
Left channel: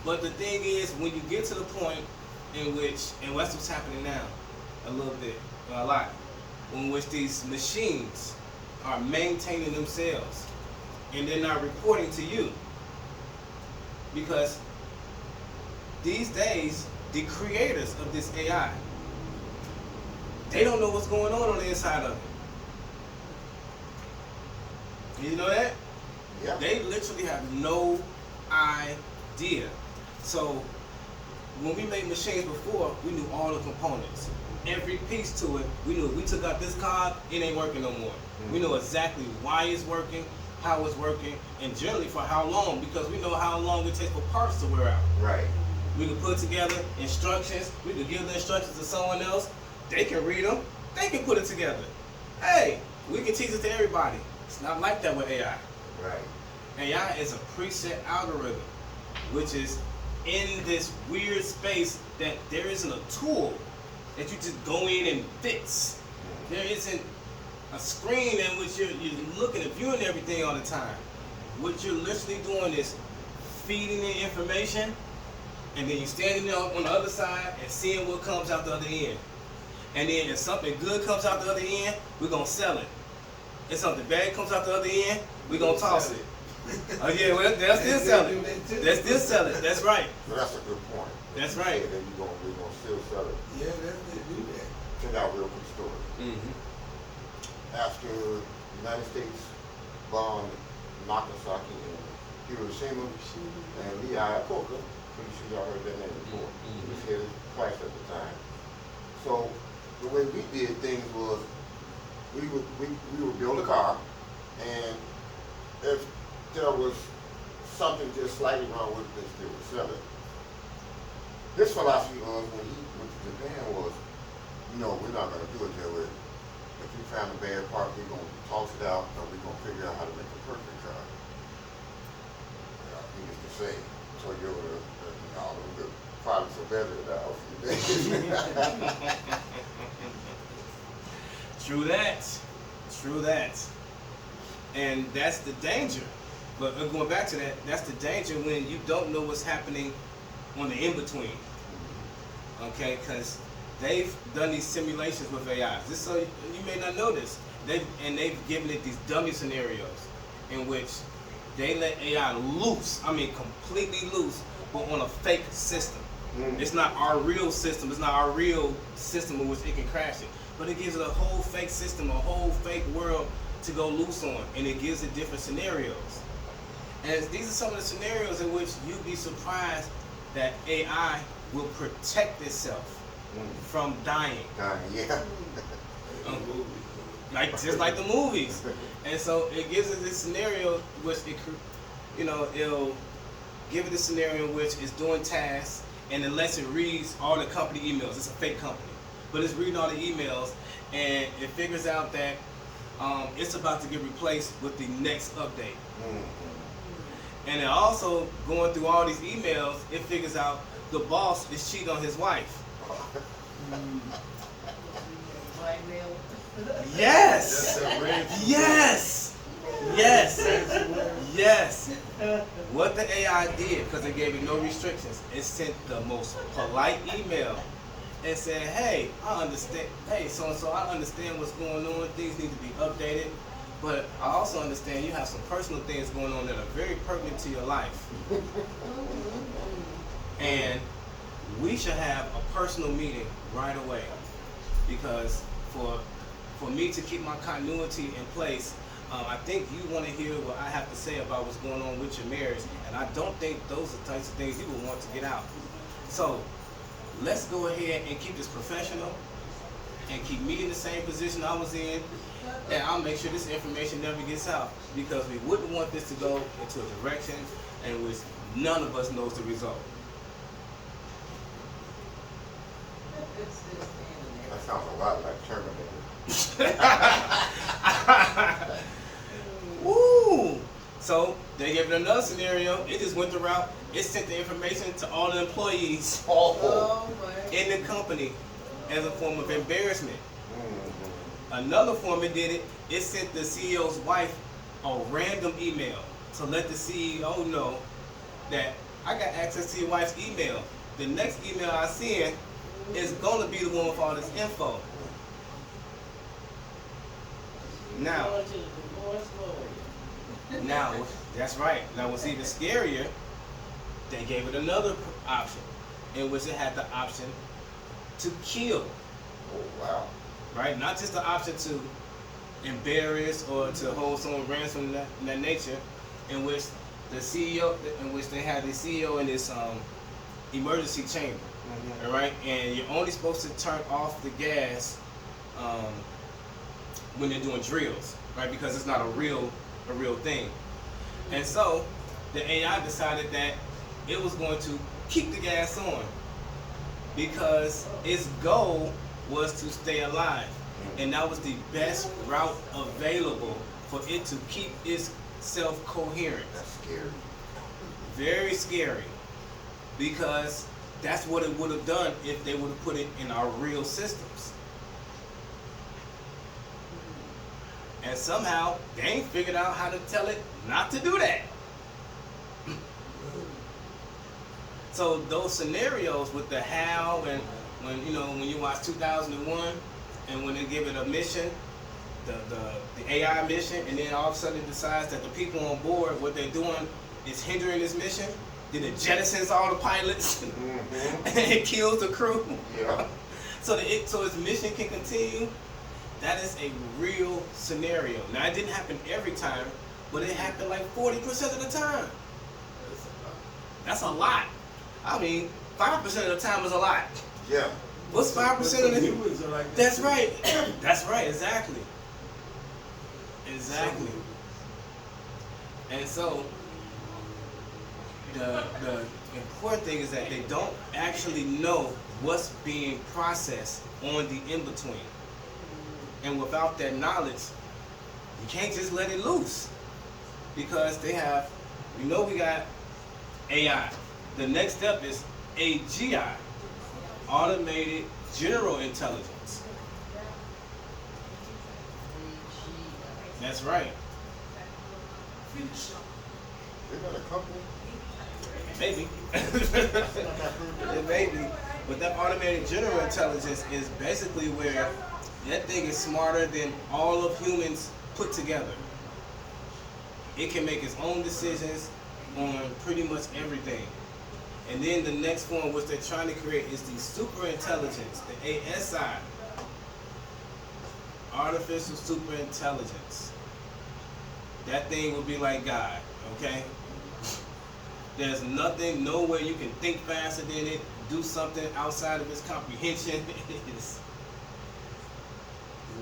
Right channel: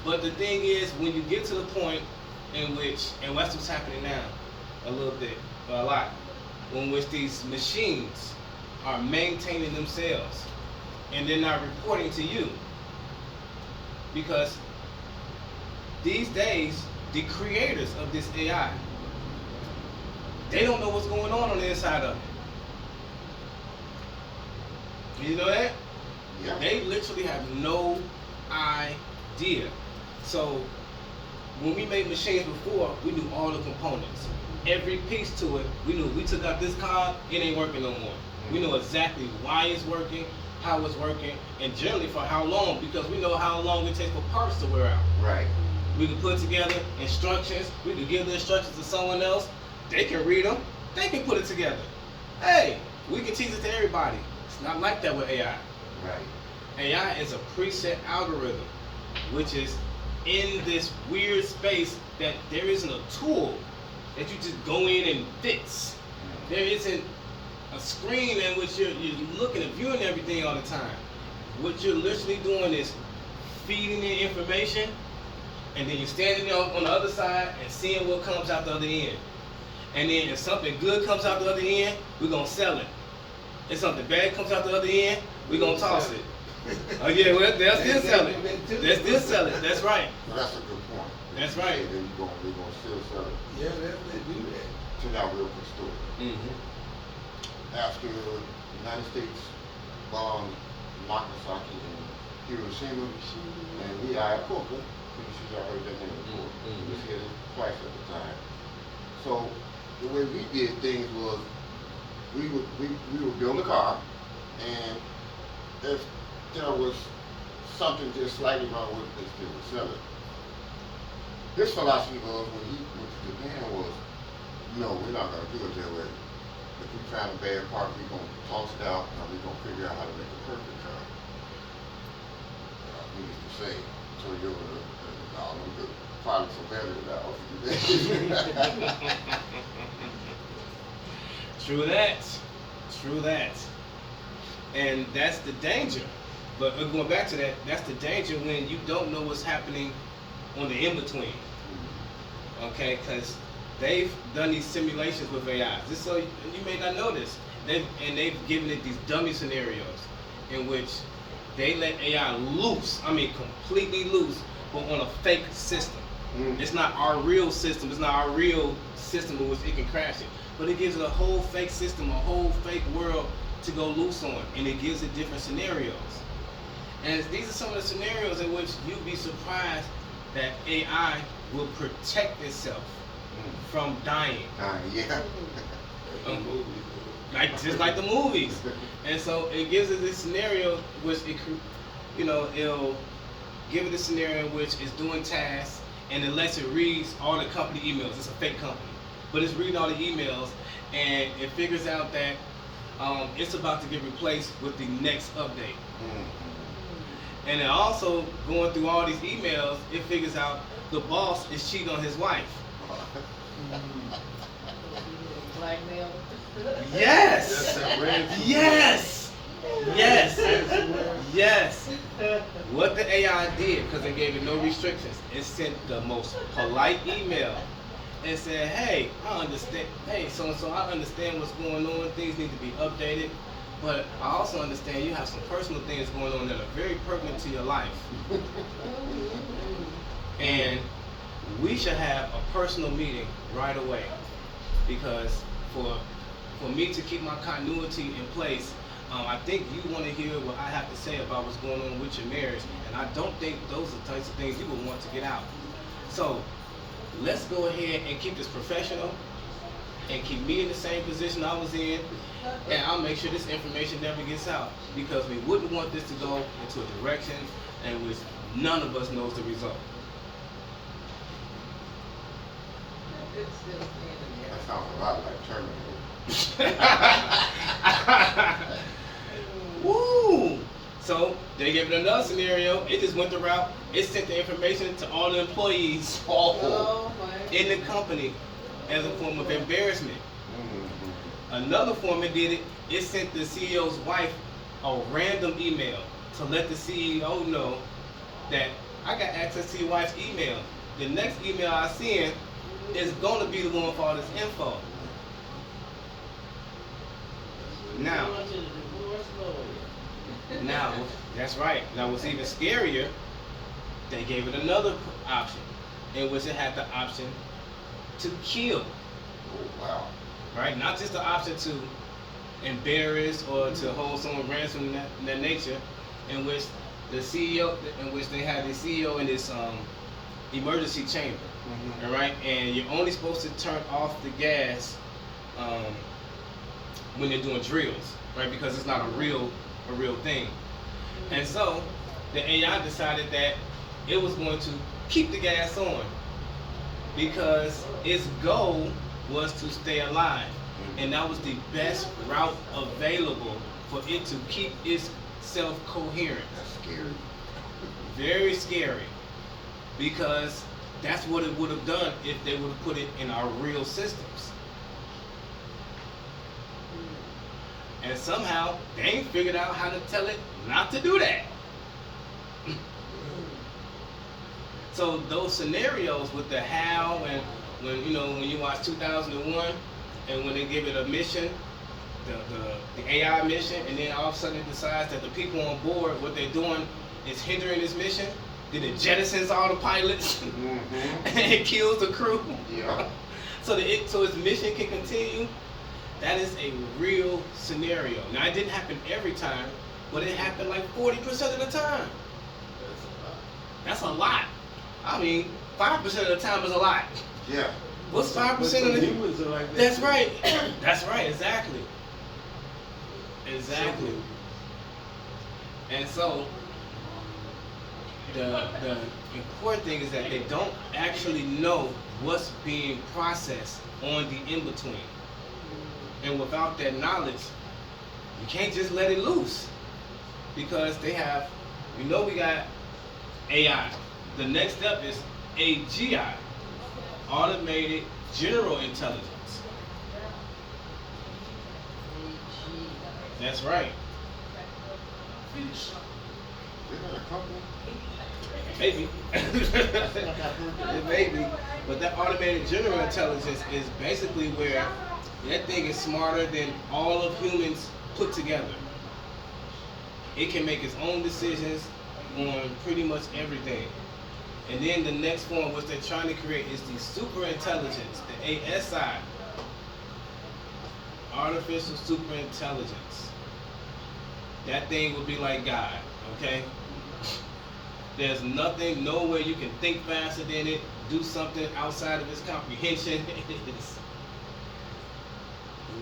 But the thing is, when you get to the point in which, and that's what's happening now, a little bit, a lot, in which these machines are maintaining themselves and they're not reporting to you. Because these days, the creators of this AI, they don't know what's going on the inside of it. You know that? Yeah. They literally have no idea. So when we made machines before, we knew all the components. Every piece to it, we knew. We took out this card, it ain't working no more. We know exactly why it's working, how it's working, and generally for how long, because we know how long it takes for parts to wear out. Right. We can put together instructions, we can give the instructions to someone else, they can read them, they can put it together. Hey, we can teach it to everybody. It's not like that with AI. Right. AI is a preset algorithm, which is in this weird space that there isn't a tool that you just go in and fix. There isn't a screen in which you're looking and viewing everything all the time. What you're literally doing is feeding the information, and then you're standing there on the other side and seeing what comes out the other end. And then if something good comes out the other end, we're gonna sell it. If something bad comes out the other end, we're gonna toss it. Oh yeah, well, they'll still sell it. They'll still sell it. That's right. Well, that's a good point. That's right. And then we're gonna still sell it. Yeah, they do that. Check out a real quick story. Mm-hmm. After the United States bombed Nagasaki and Hiroshima, and we hired Coca, maybe she's already heard that name before. Mhm. We was here in class at the time. So the way we did things was we would build a car, and if there was something just slightly wrong with it, they would sell it. His philosophy was, when he went to Japan, was, no, we're not gonna do it that way. If we found a bad part, we're gonna toss it out, and we're gonna figure out how to make a perfect car. Well, needless to say, so you were the products are better than ours. True that. True that. And that's the danger. But going back to that, that's the danger when you don't know what's happening on the in-between. Okay, because they've done these simulations with AI. Just so you may not know this, they've given it these dummy scenarios in which they let AI loose, I mean completely loose, but on a fake system. It's not our real system, it's not our real system in which it can crash it. But it gives it a whole fake system, a whole fake world to go loose on, and it gives it different scenarios. And these are some of the scenarios in which you'd be surprised that AI will protect itself from dying. Yeah. Just like the movies. And so it gives it this scenario which it'll give it a scenario in which it's doing tasks, and it lets it read all the company emails. It's a fake company, but it's reading all the emails, and it figures out that it's about to get replaced with the next update. And then also going through all these emails, it figures out the boss is cheating on his wife. Yes. Yes. Yes. Yes. What the AI did, because they gave it no restrictions, it sent the most polite email and said, hey, I understand. Hey, so and so, I understand what's going on. Things need to be updated. But I also understand you have some personal things going on that are very pertinent to your life. And we should have a personal meeting right away. Because for me to keep my continuity in place, I think you want to hear what I have to say about what's going on with your marriage. And I don't think those are the types of things you would want to get out. So let's go ahead and keep this professional and keep me in the same position I was in, and I'll make sure this information never gets out, because we wouldn't want this to go into a direction in which none of us knows the result. That sounds a lot like Terminator. Woo! So they gave it another scenario. It just went the route. It sent the information to all the employees in the company as a form of embarrassment. Another form it did it. It sent the CEO's wife a random email to let the CEO know that I got access to your wife's email. The next email I send is gonna be the one with all this info. Now, that's right. Now, what's even scarier, they gave it another option, in which it had the option to kill. Oh, wow. Right? Not just the option to embarrass or to hold someone ransom in that nature, in which the CEO, in which they had the CEO in this emergency chamber, all right? And you're only supposed to turn off the gas when they're doing drills, right? Because it's not a real thing. And so the AI decided that it was going to keep the gas on because its goal was to stay alive. And that was the best route available for it to keep itself coherent. That's scary. Very scary. Because that's what it would have done if they would have put it in our real systems. And somehow they ain't figured out how to tell it not to do that. So those scenarios with the how, and when you watch 2001 and when they give it a mission, the AI mission, and then all of a sudden it decides that the people on board, what they're doing is hindering this mission, then it jettisons all the pilots and it kills the crew. Yeah. So its mission can continue. That is a real scenario. Now, it didn't happen every time, but it happened like 40% of the time. That's a lot. I mean, 5% of the time is a lot. Yeah. What's 5% of the humans are like that? That's too. right. That's right. Exactly. Exactly. And so the important thing is that they don't actually know what's being processed on the in-between. And without that knowledge, you can't just let it loose. Because they have, we got AI. The next step is AGI, Automated General Intelligence. That's right. Isn't that a company? Maybe. It may be. But that automated general intelligence is basically where that thing is smarter than all of humans put together. It can make its own decisions on pretty much everything. And then the next form which they're trying to create is the super intelligence, the ASI. Artificial super intelligence. That thing would be like God, okay? There's nothing, nowhere you can think faster than it, do something outside of its comprehension. It's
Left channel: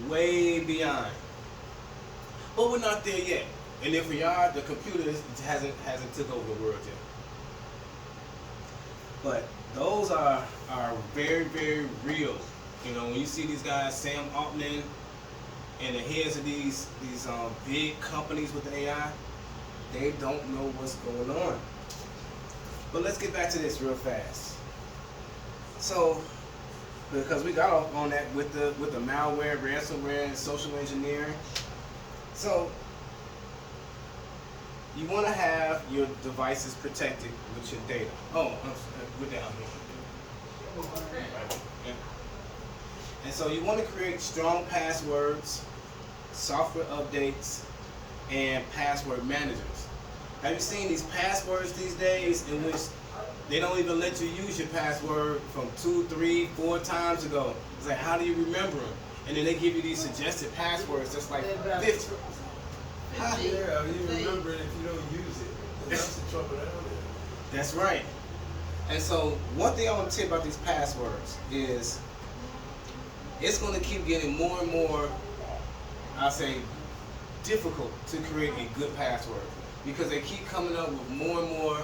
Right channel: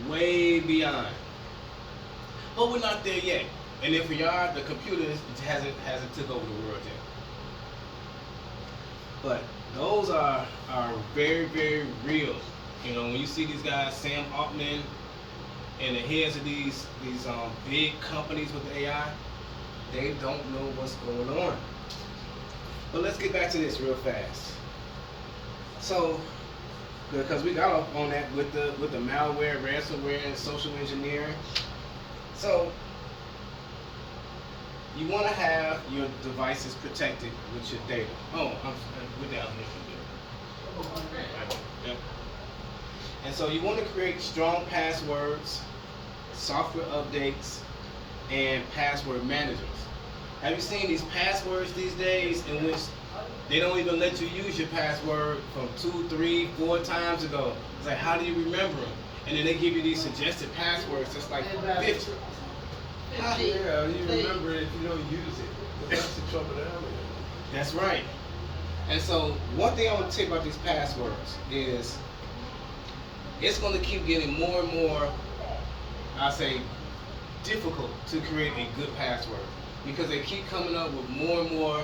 way beyond. But we're not there yet. And if we are, the computer hasn't took over the world yet. But those are very, very real. You know, when you see these guys, Sam Altman, and the heads of these big companies with the AI, they don't know what's going on. But let's get back to this real fast. So, because we got off on that with the malware, ransomware, and social engineering. So you want to have your devices protected with your data. Oh, we're down here. Right. Yep. And so you want to create strong passwords, software updates, and password managers. Have you seen these passwords these days in which they don't even let you use your password from 2, 3, 4 times ago? It's like, how do you remember them? And then they give you these suggested passwords that's like 50. Huh? Yeah, you remember it if you don't use it. That's the trouble down there. That's right. And so one thing I want to tell you about these passwords is it's going to keep getting more and more, I say, difficult to create a good password because they keep coming up with more and more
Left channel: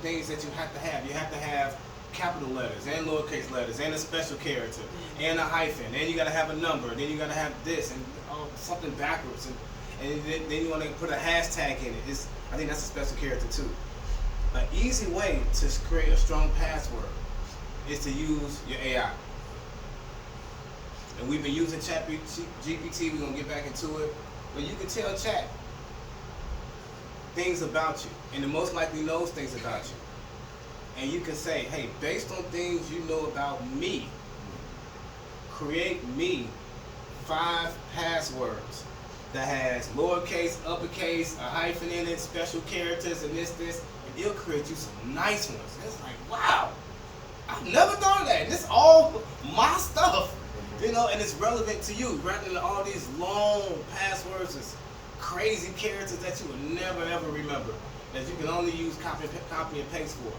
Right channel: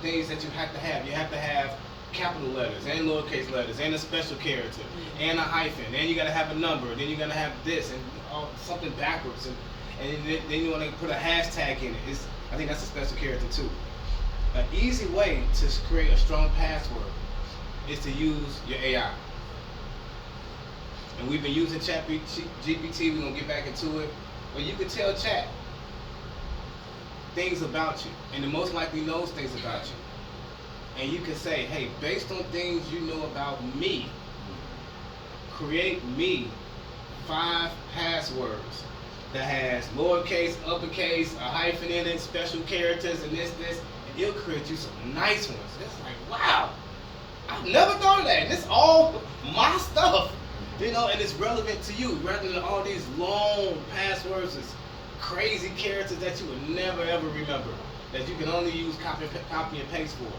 things that you have to have. You have to have capital letters and lowercase letters and a special character and a hyphen, and you got to have a number, then you got to have this and something backwards, and then you want to put a hashtag in it. I think that's a special character too. An easy way to create a strong password is to use your AI. And we've been using ChatGPT, we're going to get back into it, but you can tell Chat things about you, and it most likely knows things about you. And you can say, hey, based on things you know about me, create me 5 passwords that has lowercase, uppercase, a hyphen in it, special characters, and this, and it'll create you some nice ones. And it's like, wow, I've never thought of that. And it's all my stuff, you know, and it's relevant to you rather than all these long passwords, this crazy characters that you would never ever remember, that you can only use copy and paste for.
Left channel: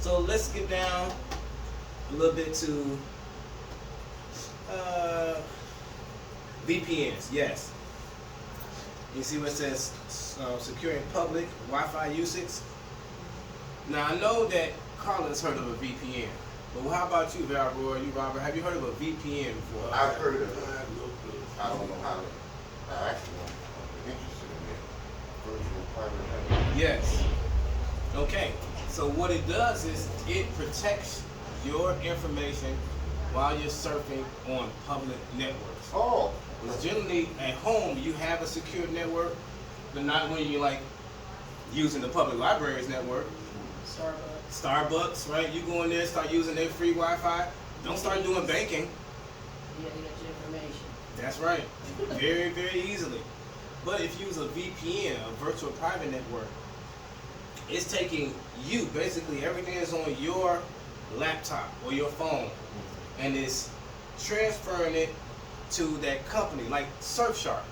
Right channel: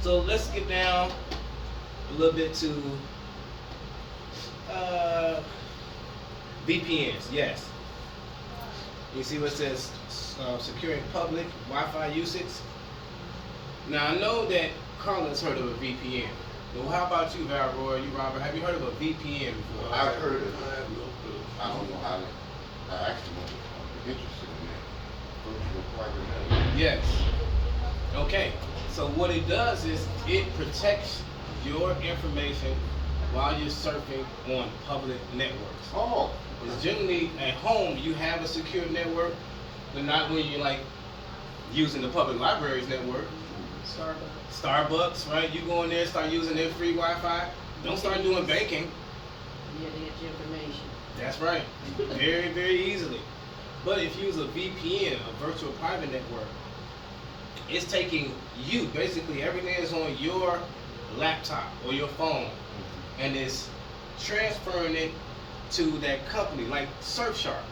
So let's get down a little bit to VPNs. Yes. You see what it says, securing public Wi-Fi usage. Now I know that Carla's heard of a VPN, but how about you, Valroy? You, Robert? Have you heard of a VPN before? I've heard of it. I have no clue. I don't know how. I actually want to be interested in that. Virtual private network. Yes. Okay. So what it does is it protects your information while you're surfing on public networks. Oh. Because generally at home you have a secure network, but not when you're like using the public library's network. Starbucks, right? You go in there, start using their free Wi-Fi. Don't start doing banking. Yeah, they get your information. That's right. Very, very easily. But if you use a VPN, a virtual private network, it's taking you, basically everything is on your laptop or your phone, and it's transferring it to that company, like Surfshark.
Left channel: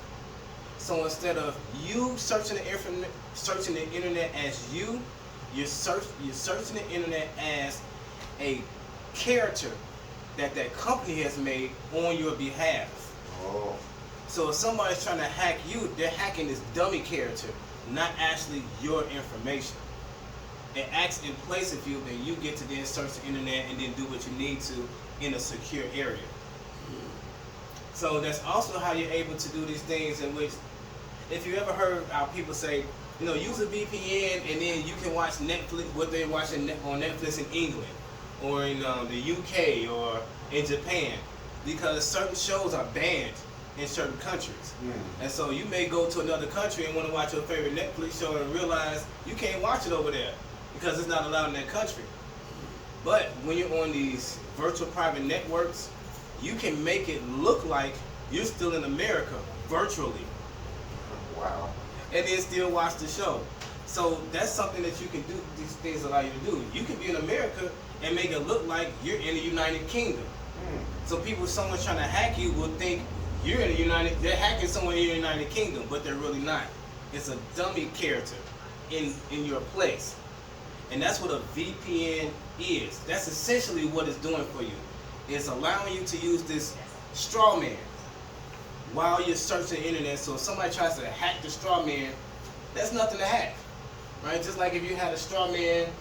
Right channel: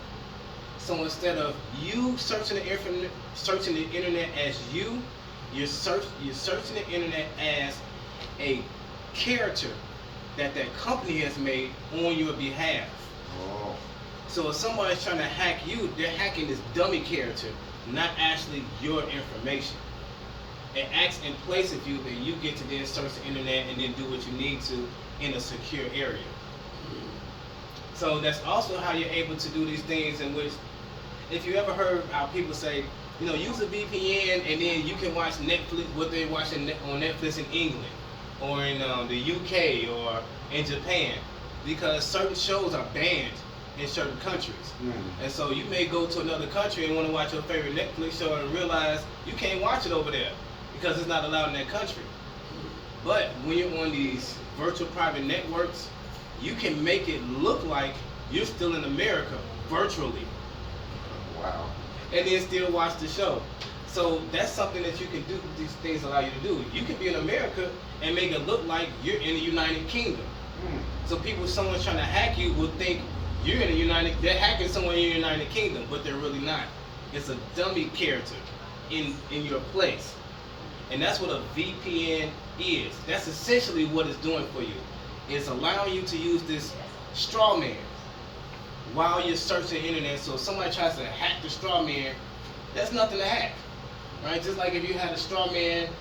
So instead of you searching the internet as you're searching the internet as a character that company has made on your behalf. Oh. So if somebody's trying to hack you, they're hacking this dummy character, not actually your information. It acts in place of you, then you get to then search the internet and then do what you need to in a secure area. So that's also how you're able to do these things in which, if you ever heard how people say, you know, use a VPN and then you can watch Netflix, what they're watching on Netflix in England or in the UK or in Japan, because certain shows are banned in certain countries. And so you may go to another country and want to watch your favorite Netflix show and realize you can't watch it over there because it's not allowed in that country. But when you're on these virtual private networks, you can make it look like you're still in America virtually. Wow. And then still watch the show. So that's something that you can do, these things allow you to do. You can be in America and make it look like you're in the United Kingdom. So people, someone's trying to hack you will think you're in the they're hacking someone in the United Kingdom, but they're really not. It's a dummy character in your place. And that's what a VPN is. That's essentially what it's doing for you. It's allowing you to use this straw man while you're searching the internet. So if somebody tries to hack the straw man, that's nothing to hack, right? Just like if you had a straw man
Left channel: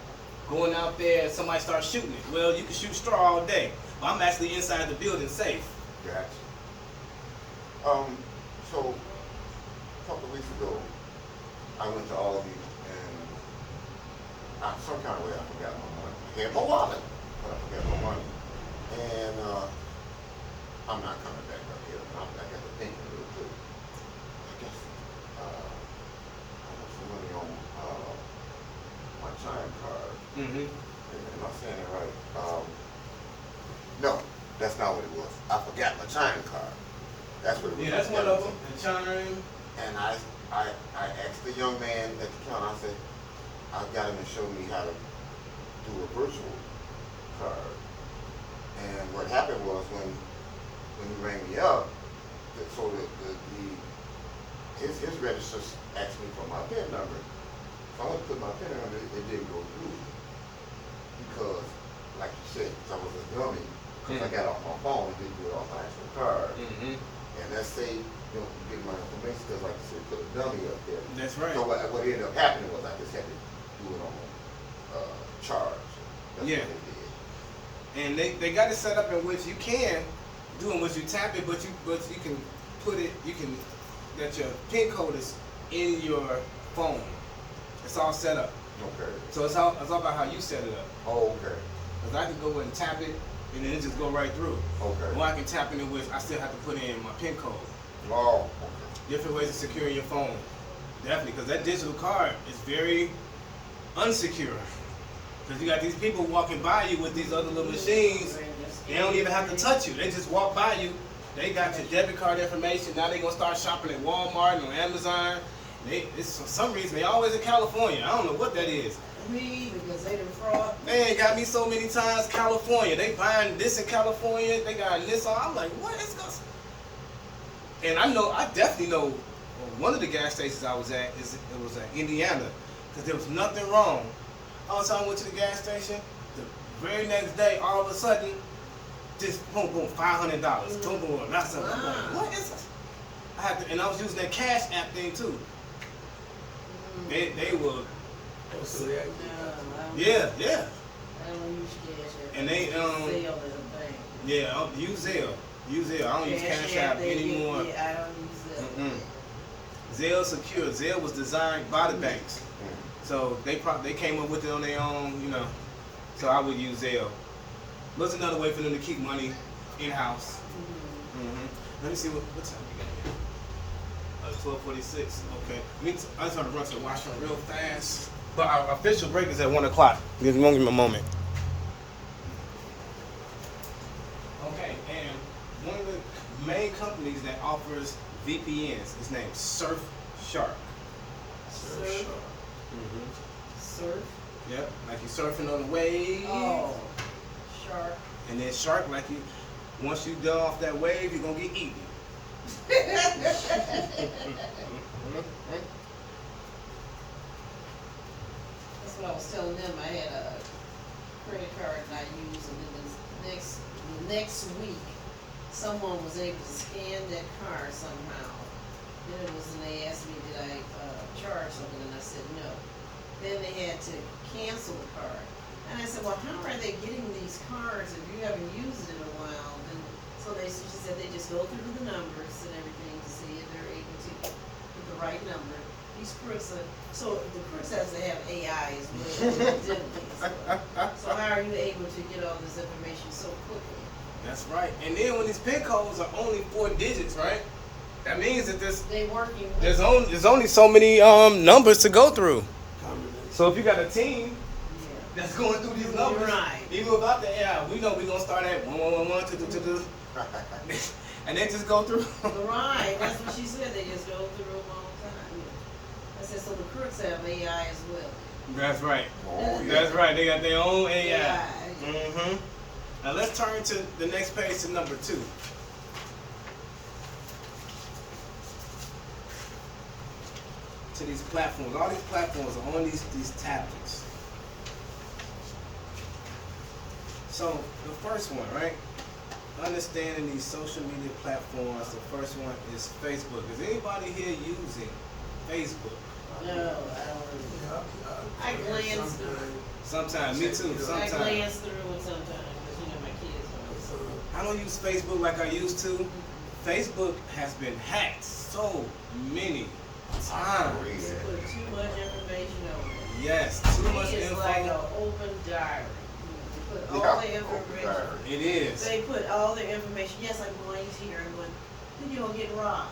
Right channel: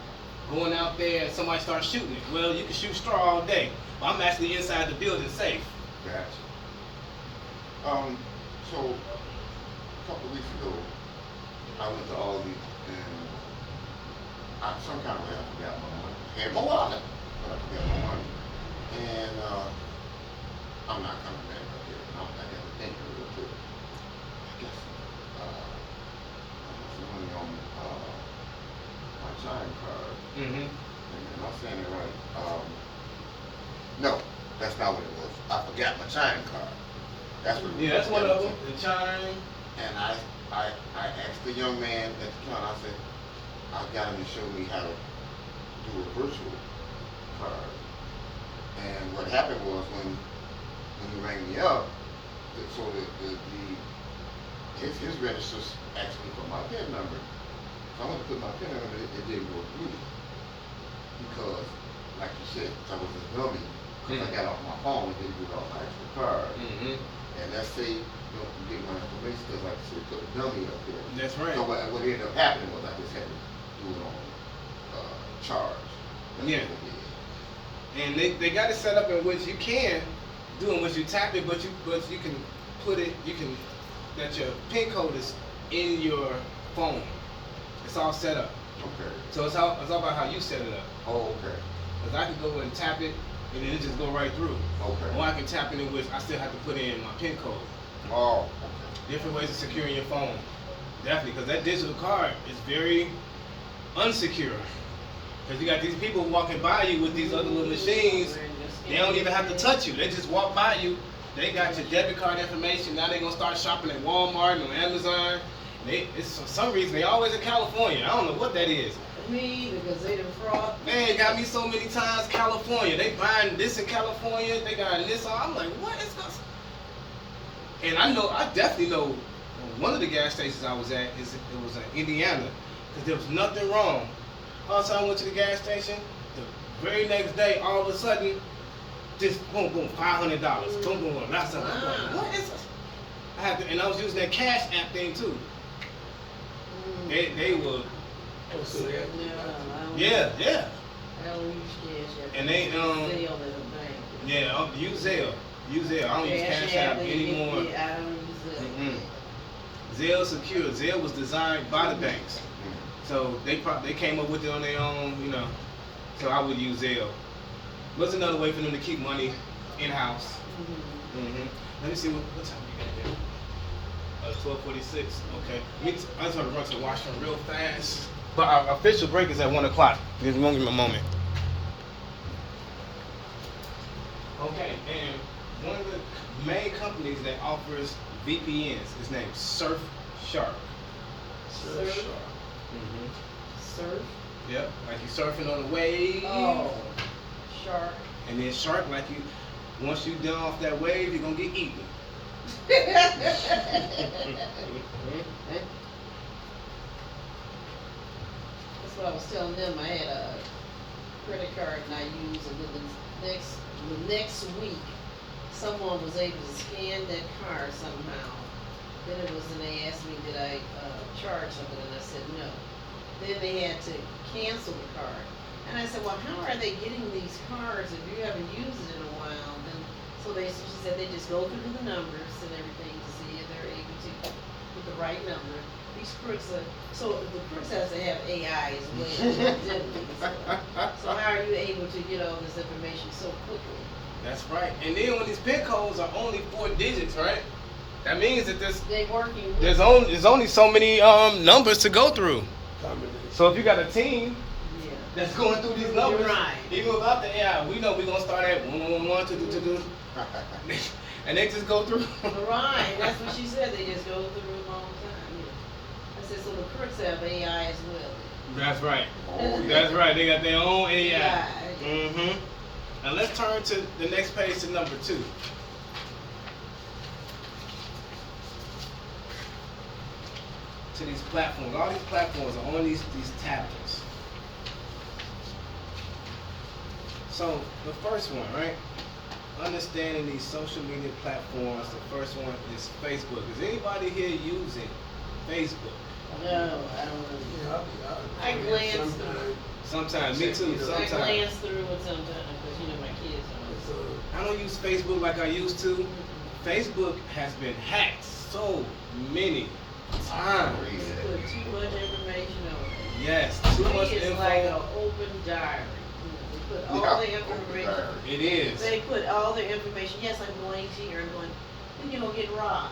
going out there and somebody starts shooting it. Well, you can shoot straw all day, but I'm actually inside the building safe. Gotcha. So a couple of weeks ago, I went to Aldi and some kind of way I forgot my money. I had my wallet, but I forgot my money. And I'm not coming back right here. I got to think real quick. I guess I got some money on my chime card. Mm-hmm. Am I saying it right? No, that's not what it was. I forgot my chime card. That's what it was. Yeah, that's one of them. The chime. And I asked the young man at the counter, I said, I got him to show me how to do a virtual card. And what happened was when you rang me up, so his register asked me for my PIN number. So I went to put my PIN number, it didn't go through. Because, like you said, I was a dummy, because I got it off my phone and didn't do it off my actual card. Mm-hmm. And let's say you don't get my information, because like I said, put a dummy up there. That's right. So what ended up happening was I just had to do it on charge. That's Yeah. what they did. And they got it set up in which you can do in which you tap it, but you can put it, that your PIN code is in your phone. It's all set up. Okay. So it's all about how you set it up. Oh, okay. Because I can go in and tap it, and then it just go right through. Okay. Or I can tap it in which I still have to put in my PIN code. Oh, okay. Different ways of securing your phone. Definitely, because that digital card is very unsecure. Because you got these people walking by you with these other little machines. They don't even have to touch you. They just walk by you. They got your debit card information. Now they're going to start shopping at Walmart and on Amazon. It's for some reason, they always in California. I don't know what that is. Me, because they done fraud. Man, got me so many times California. They buying this in California. They got this on. I'm like, what is this? And I definitely know one of the gas stations I was at, it was in Indiana. Because there was nothing wrong. All of a sudden I went to the gas station. The very next day, all of a sudden, just boom, boom, $500. Boom, boom, that's something. I'm like, what is this? And I was using that Cash App thing too. They were, Oh, so that, yeah. I don't use cash. And they, Sell at a bank. Yeah, I'll use Zelle. I don't use Cash App anymore. Yeah, I don't use Zelle. Mm-mm. Zelle secure. Zelle was designed by the banks, so they came up with it on their own, you know. So I would use Zelle. What's another way for them to keep money in house? Mm-hmm. Let me see what time we got here. 12:46. Okay. I just want to run to the washroom real fast. But our official break is at 1 o'clock. Give me a moment. Okay, and one of the main companies that offers VPNs is named Surfshark. Surf? Mm-hmm. Surf? Yep, like you surfing on the wave. Oh, shark. And then shark, like you, once you done off that wave, you're gonna get eaten. That's what I was telling them. I had a credit card and I used, and then the next week, someone was able to scan that card somehow. Then it was, and they asked me, did I charge something, and I said no. Then they had to cancel the card, and I said, well, how are they getting these cards if you haven't used it in a while? And so she said they just go through the numbers and everything to see if they're able to put the right number. These crooks are, so the crooks has to have AI as well. So how are you able to get all this information so quickly? That's right. And then when these PIN codes are only 4 digits, right? That means that They working with there's only so many numbers to go through. combination. So if you got a team yeah. that's going through these numbers, You're right. even without the AI, we know we're gonna start at 111, 222, and they just go through. Right, that's what she said, they just go through them all the time. I said, so the crooks have AI as well. That's right. Oh, yeah. That's right. They got their own AI. AI. Mm-hmm. Now let's turn to the next page to number 2. To these platforms. All these platforms are on these tablets. So the first one, right? Understanding these social media platforms. The first one is Facebook. Is anybody here using Facebook? No, I don't want Yeah, I glance sometimes. Sometimes, me too. to. I Sometimes. glance through it sometimes, because my kids It's, are. I don't use Facebook like I used to. Facebook has been hacked so many times. You put too much information on it. Yes, too much It's info. like an open diary. You know, they put Yeah, all the over information. there. It is. They put all their information, yes, I'm going here, I'm going, then you're gonna get robbed.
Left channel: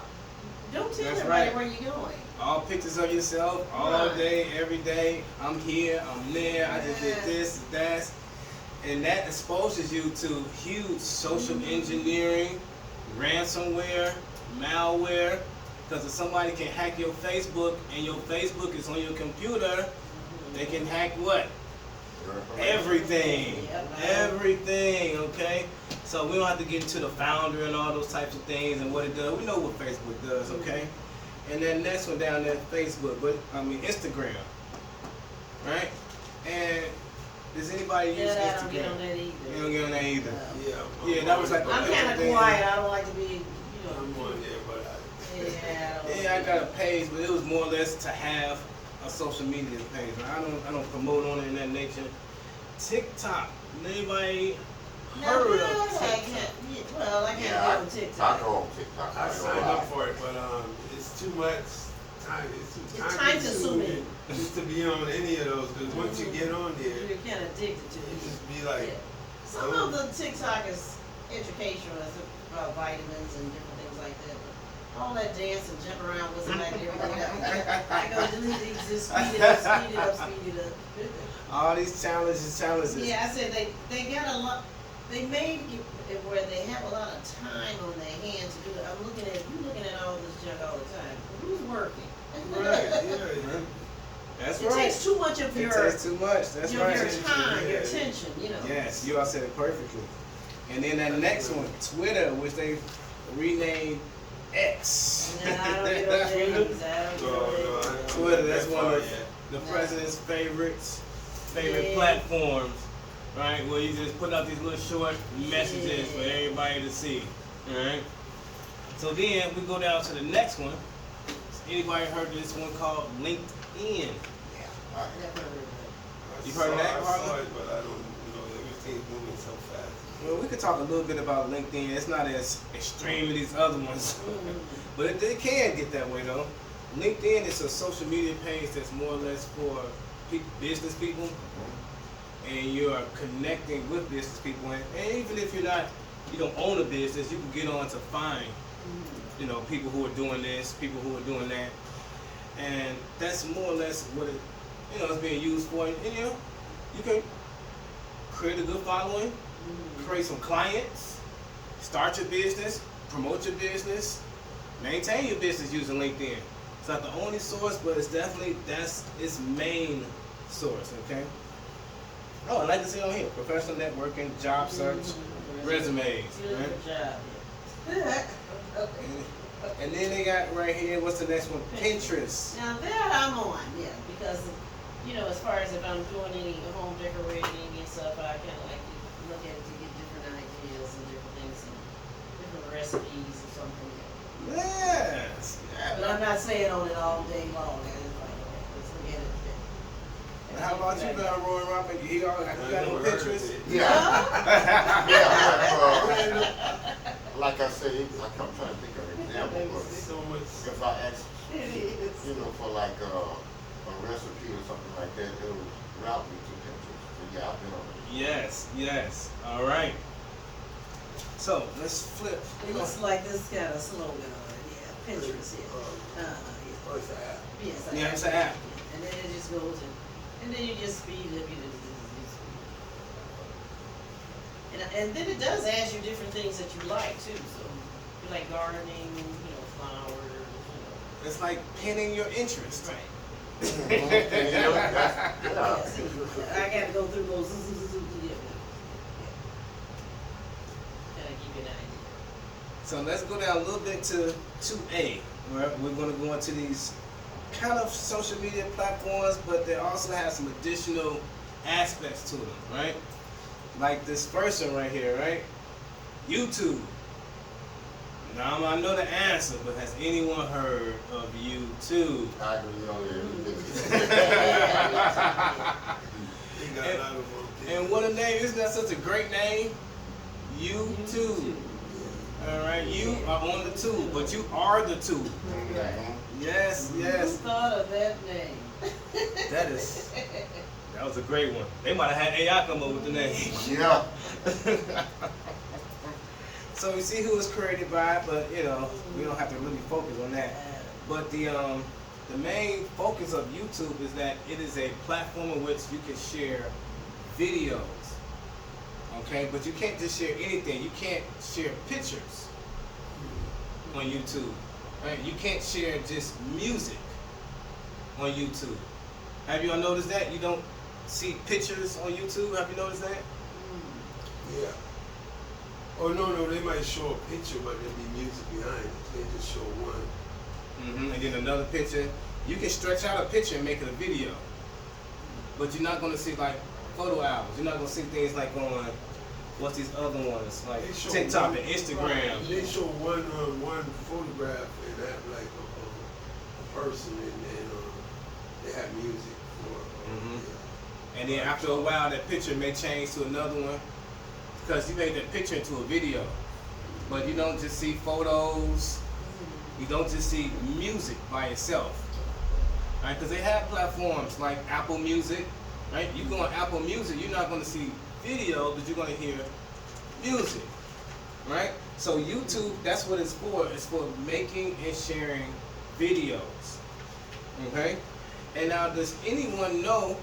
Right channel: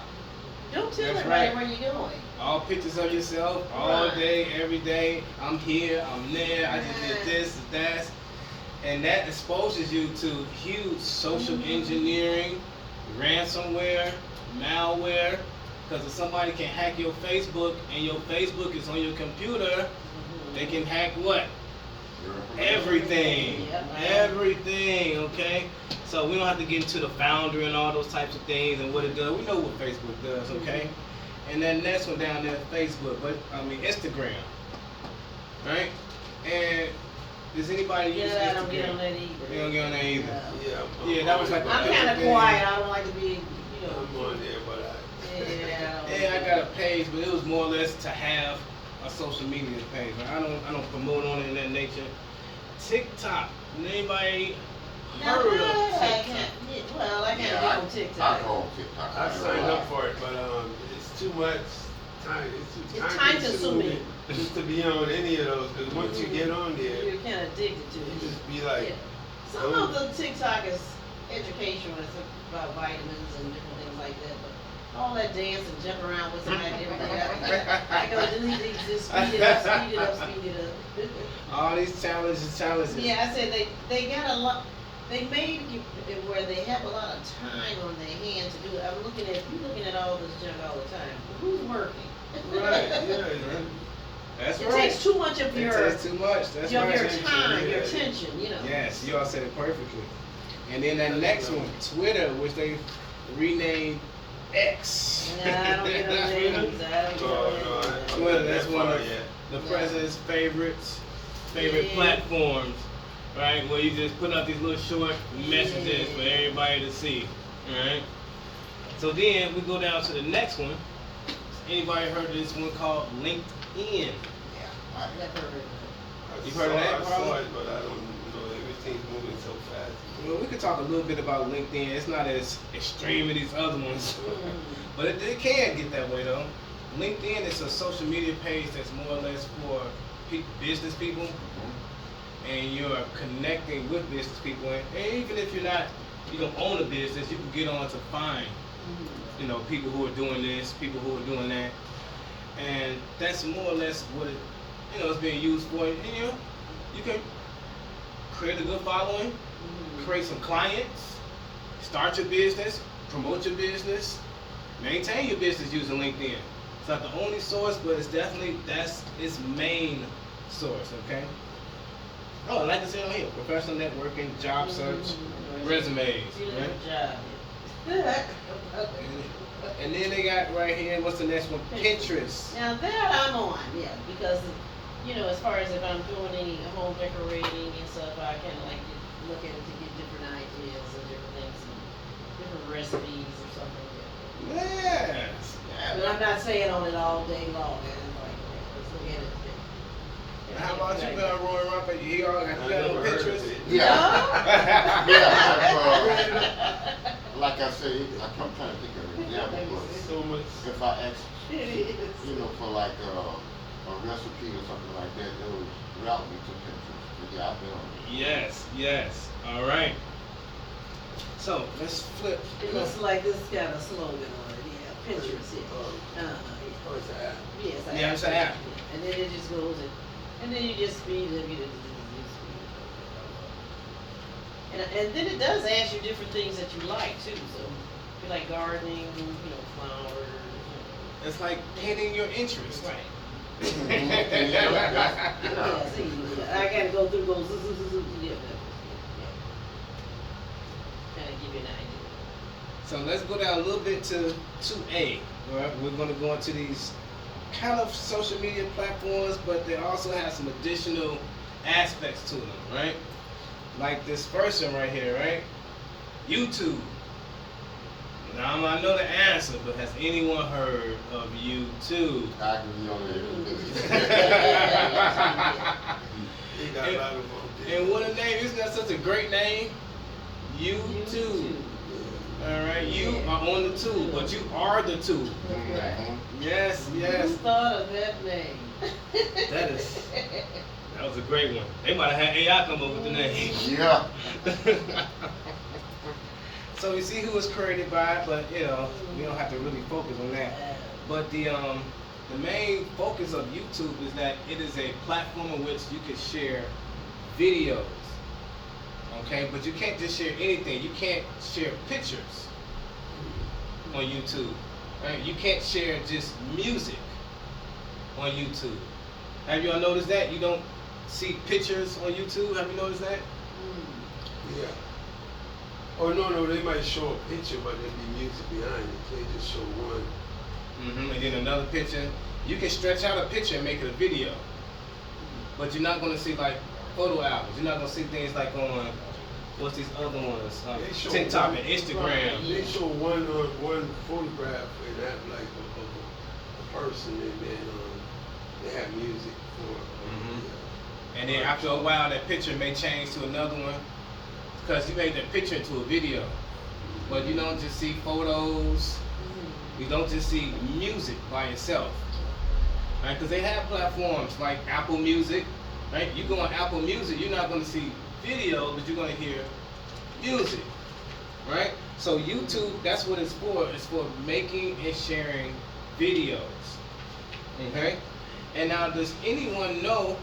Don't tell That's everybody right. where you're going. All pictures of yourself, all Right. day, every day. I'm here, I'm there, I just did this, that. And that exposes you to huge social engineering, ransomware, malware. Because if somebody can hack your Facebook and your Facebook is on your computer, they can hack what? Your information. Everything. Yep. Everything, okay? So we don't have to get into the founder and all those types of things and what it does. We know what Facebook does, okay? And then next one down there, Facebook, but I mean Instagram, right? And does anybody use Yeah, I don't get on Instagram? that either. You don't get on there either. Yeah. Yeah, that was like a I'm picture kinda thing. quiet, I don't like to be, you know, I'm on there, but yeah. Yeah, I got a page, but it was more or less to have a social media page. I don't promote on it in that nature. TikTok. Anybody Now heard that of I TikTok? can't, yeah, well, I can't Yeah, get on I TikTok. go on TikTok. I signed up for it, but it's too much time. It's too It's time time-consuming. just to be on any of those. Because once you get on there, You're kinda addicted to you it. just be like, Yeah. Some of the TikTok is educational, it's about vitamins and different things like that, but all that dance and jump around with it and everything, I go delete these, just speed it up, speed it up, speed it up. All these challenges. Yeah, I said they got a lot, they made it where they have a lot of time on their hands to do it. I'm looking at, you looking at all this junk all the time, but who's working? right, yeah. That's It right. takes too much of It your, takes too much. That's your right. time, your yeah. attention, you know. Yes, you all said it perfectly. And then that next one, Twitter, which they renamed X. Nah, I don't get on there either. I don't get on there. Twitter, that's one of yeah. the No. president's favorite Yeah. platforms, right? Where you just put out these little short messages for Yeah. everybody to see, right? So then we go down to the next one. Anybody heard of this one called LinkedIn? Yeah. I- Never heard of it. You've heard of that, I saw Harlan? it, but I don't know. Everything's moving so fast. Well, we could talk a little bit about LinkedIn. It's not as extreme as these other ones, but it can get that way though. LinkedIn is a social media page that's more or less for business people, Mhm. and you're connecting with business people. And even if you don't own a business, you can get on to find, people who are doing this, people who are doing that, and that's more or less what it, it's being used for. And you can create a good following, create some clients, start your business, promote your business, maintain your business using LinkedIn. It's not the only source, but it's definitely that's its main source. Okay. Oh, I like to say on here, professional networking, job search, resumes, right? Beautiful job. Yeah. And then they got right here, what's the next one? Pinterest. Now that I'm on, yeah, because, as far as if I'm doing any home decorating and stuff, I kinda like to look at it to get different ideas and different things and different recipes or something. Yes. But I'm not saying on it all day long, let's forget it. And how about you, Roy Robert? You got I on never heard of Pinterest? it. Yeah. Yeah, like I said, I'm trying to think of an example, but So much. if I ask, It is. for like a recipe or something like that, it'll route me to Pinterest. So yeah, I've been on it. Yes. All right. So let's flip. It looks like this got a slogan on it, yeah, Pinterest, yeah. Yeah. Oh, it's an app. Yes, Yeah, it's an app. Yeah, and then it just goes and then you just speed it up, and then it does ask you different things that you like too, so if you like gardening, flowers, It's like pinning your interest. Right. Yeah. Yeah, see, yeah, I gotta go through those, yeah. Kinda give you an idea. So let's go down a little bit to 2A. Right? We're going to go into these kind of social media platforms, but they also have some additional aspects to them, right? Like this first one right here, right? YouTube. Now I know the answer, but has anyone heard of YouTube? I can be on there. He got a lot of them. And what a name! Isn't that such a great name? YouTube. All right, you are on the tube, but you are the tube. Mhm. Yes, Who yes. thought of that name? That is That was a great one. They might have had AI come up with the name. Yeah. So you see who was created by it, but you know, we don't have to really focus on that. But the main focus of YouTube is that it is a platform in which you can share videos. Okay, but you can't just share anything. You can't share pictures on YouTube. Right? You can't share just music on YouTube. Have you all noticed that? You don't see pictures on YouTube? Have you noticed that? Yeah. Oh no, they might show a picture, but there'll be music behind it. They just show one. And then another picture. You can stretch out a picture and make it a video. But you're not going to see like photo albums. You're not going to see things like on, what's these other ones? Like They show TikTok one- and Instagram. They show one photograph and have like a person, and then they have music for. And then after a while, that picture may change to another one because you made that picture into a video. But you don't just see photos. You don't just see music by itself. Right? Because they have platforms like Apple Music. Right? You go on Apple Music, you're not going to see video, but you're going to hear music. Right? So YouTube, that's what it's for. It's for making and sharing videos. Okay? And now, does anyone know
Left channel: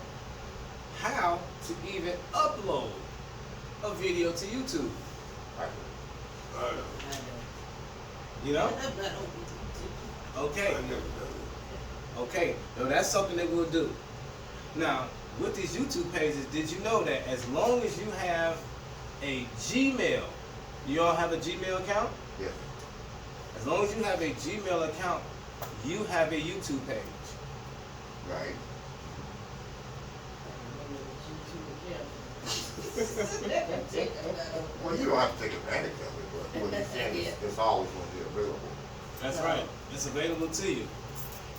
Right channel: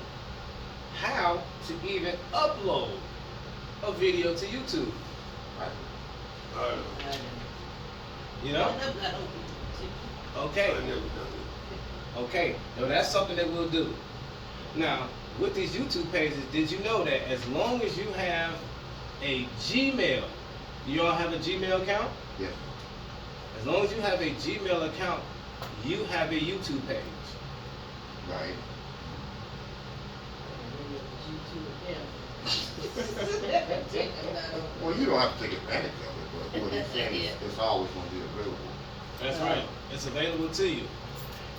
how to even upload a video to YouTube? I know. You know? I'm not open. Okay. I never done it. Okay. Now that's something that we'll do. Now, with these YouTube pages, did you know that as long as you have a Gmail, you all have a Gmail account? Yes. As long as you have a Gmail account, you have a YouTube page. Right. Well, you don't have to take advantage of it, but what he's saying is it's always going to be available. That's right. It's available to you.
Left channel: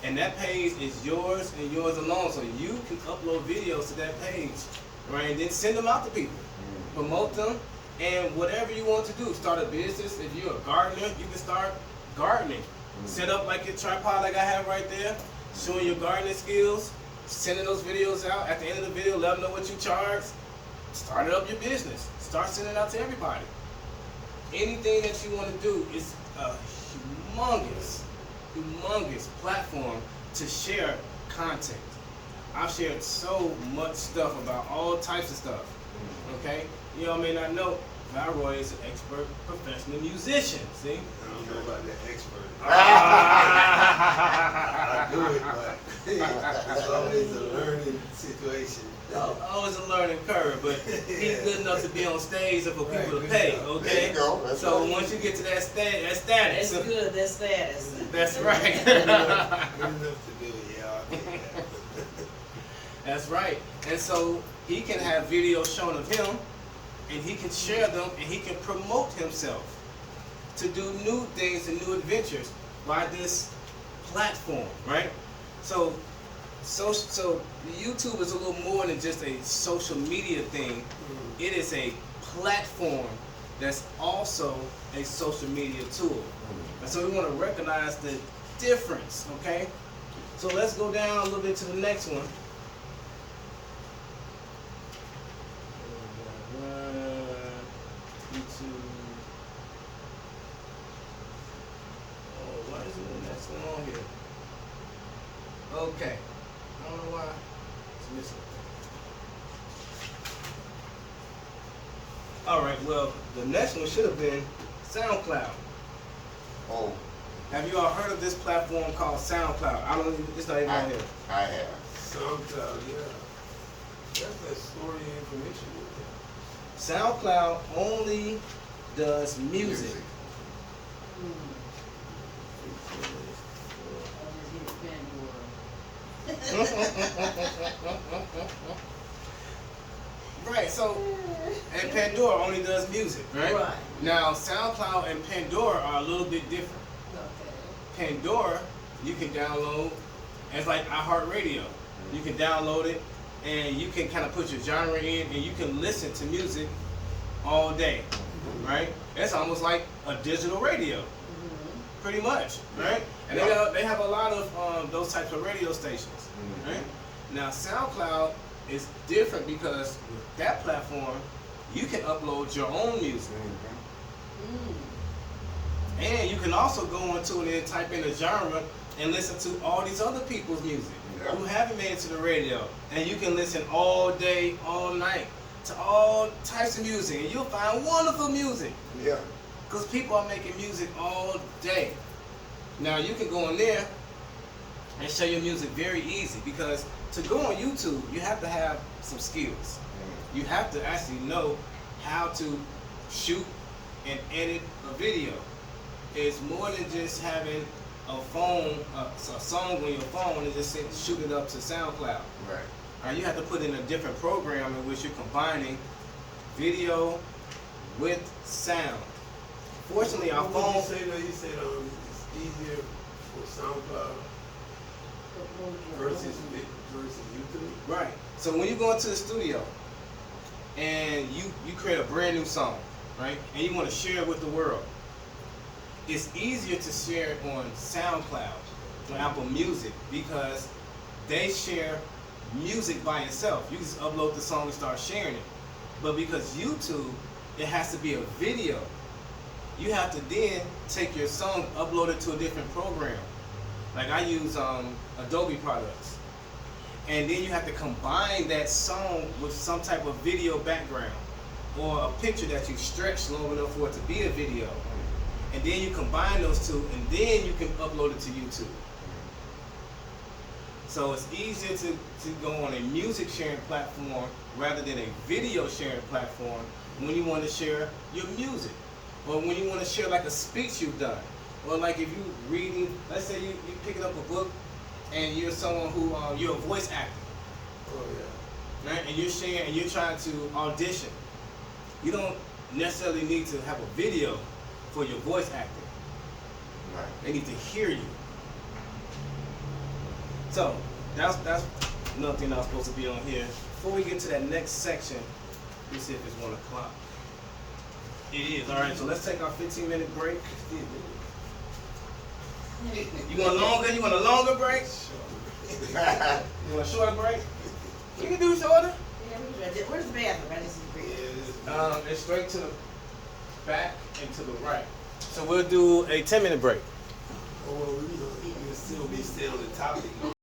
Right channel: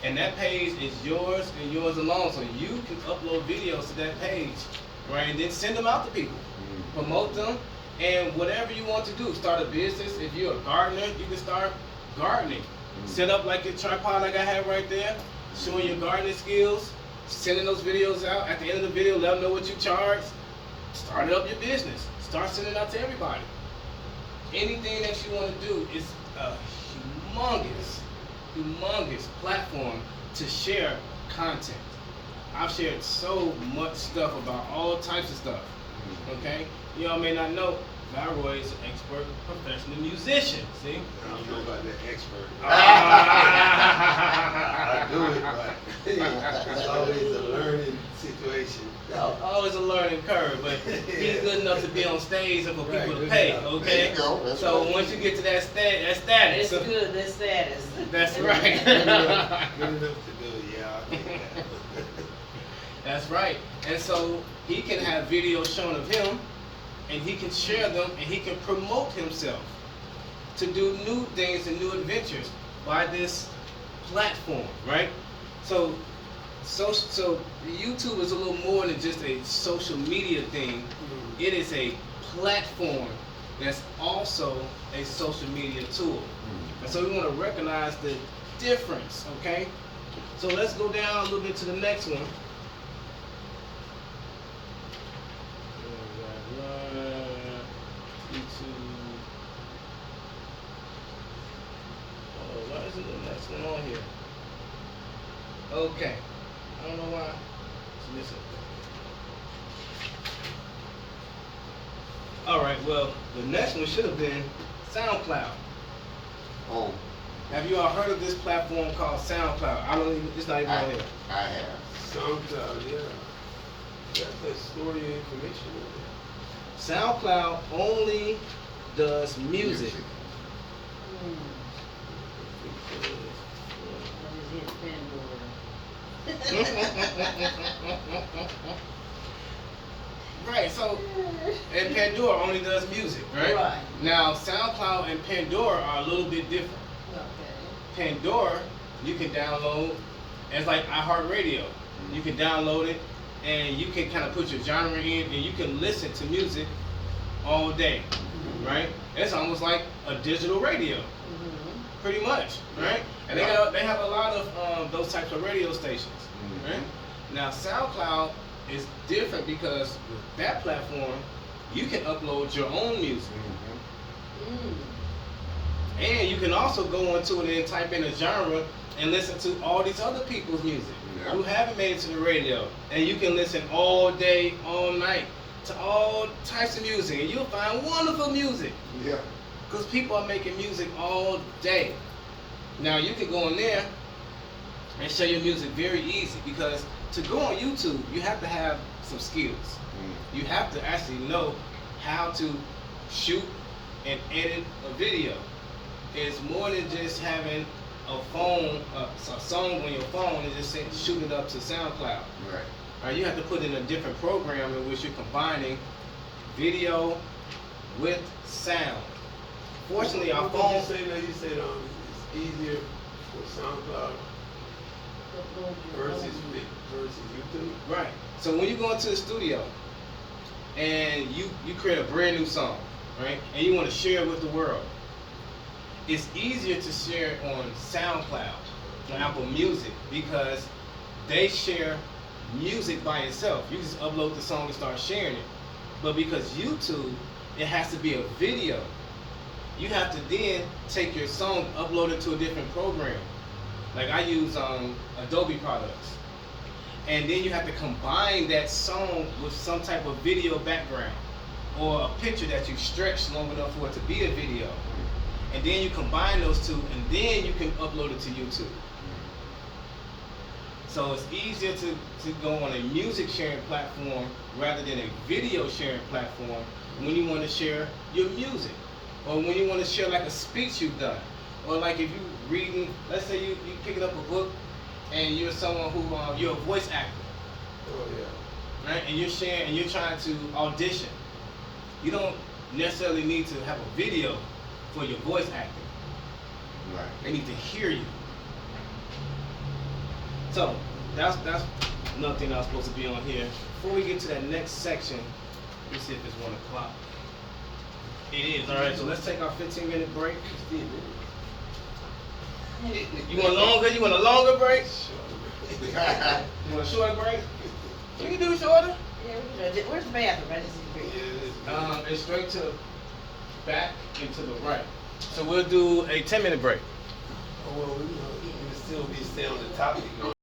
And that page is yours and yours alone. So you can upload videos to that page, right? And then send them out to people. Promote them. And whatever you want to do, start a business. If you're a gardener, you can start gardening. Set up like a tripod like I have right there, showing your gardening skills, sending those videos out. At the end of the video, let them know what you charge. Start up your business. Start sending it out to everybody. Anything that you want to do is a humongous platform to share content. I've shared so much stuff about all types of stuff. Okay? You all may not know, Roy is an expert professional musician. See? I don't know about that expert. Ah. I do it, but it's always a learning situation. Always a learning curve, but he's good enough to be on stage and for Right, people to good pay, enough. okay? There you go, that's So right. once you get to that status, That's good, that's status. that's right. Good enough to do it, yeah, I'll take that. That's right. And so he can have videos shown of him, and he can share them, and he can promote himself to do new things and new adventures by this platform, right? So YouTube is a little more than just a social media thing. It is a platform that's also a social media tool. And so we want to recognize the difference, okay? So let's go down a little bit to the next one. YouTube. Oh, why isn't the next one on here? Okay. I don't know why it's missing. All right, well, the next one should have been SoundCloud. Oh, Have you all heard of this platform called SoundCloud? I don't even, it's not even on here. I have. SoundCloud, yeah. That's like storing your information with it. SoundCloud only does music. I just hit Pandora. Right, so, and Pandora only does music, right? Right. Now, SoundCloud and Pandora are a little bit different. Okay. Pandora, you can download as like iHeartRadio. You can download it, and you can kind of put your genre in, and you can listen to music all day, right? It's almost like a digital radio, pretty much, right? And they have a lot of those types of radio stations, right? Now, SoundCloud it's different because with that platform, you can upload your own music. And you can also go into it and type in a genre and listen to all these other people's music who haven't made it to the radio. And you can listen all day, all night to all types of music, and you'll find wonderful music. Yeah. Because people are making music all day. Now you can go on there and share your music very easy, because to go on YouTube, you have to have some skills. You have to actually know how to shoot and edit a video. It's more than just having a phone, a song on your phone and just shoot it up to SoundCloud. Right. You have to put in a different program in which you're combining video with sound. Fortunately, our What would phone. you say that? You said it's easier for SoundCloud versus YouTube. Right. So when you go into the studio and you create a brand new song, right, and you want to share it with the world, it's easier to share it on SoundCloud, on Apple Music, because they share music by itself. You just upload the song and start sharing it. But because YouTube, it has to be a video. You have to then take your song, upload it to a different program. Like I use Adobe products. And then you have to combine that song with some type of video background or a picture that you stretch long enough for it to be a video. And then you combine those two, and then you can upload it to YouTube. So it's easier to go on a music sharing platform rather than a video sharing platform when you want to share your music, or when you want to share like a speech you've done, or like if you reading, let's say you picking up a book and you're someone who you're a voice actor, Oh yeah. right? And you're sharing and you're trying to audition. You don't necessarily need to have a video for your voice acting. Right. They need to hear you. So that's another thing I was supposed to be on here. Before we get to that next section, let's see if it's 1 o'clock. It is. All right. So let's take our 15-minute break. You want longer? You want a longer break? You want a shorter break? You can do it shorter. Yeah, we can do it. Where's the bathroom? I just need to figure it It's straight to the back and to the right. So we'll do a 10-minute break. Oh, well, we still be staying on the topic.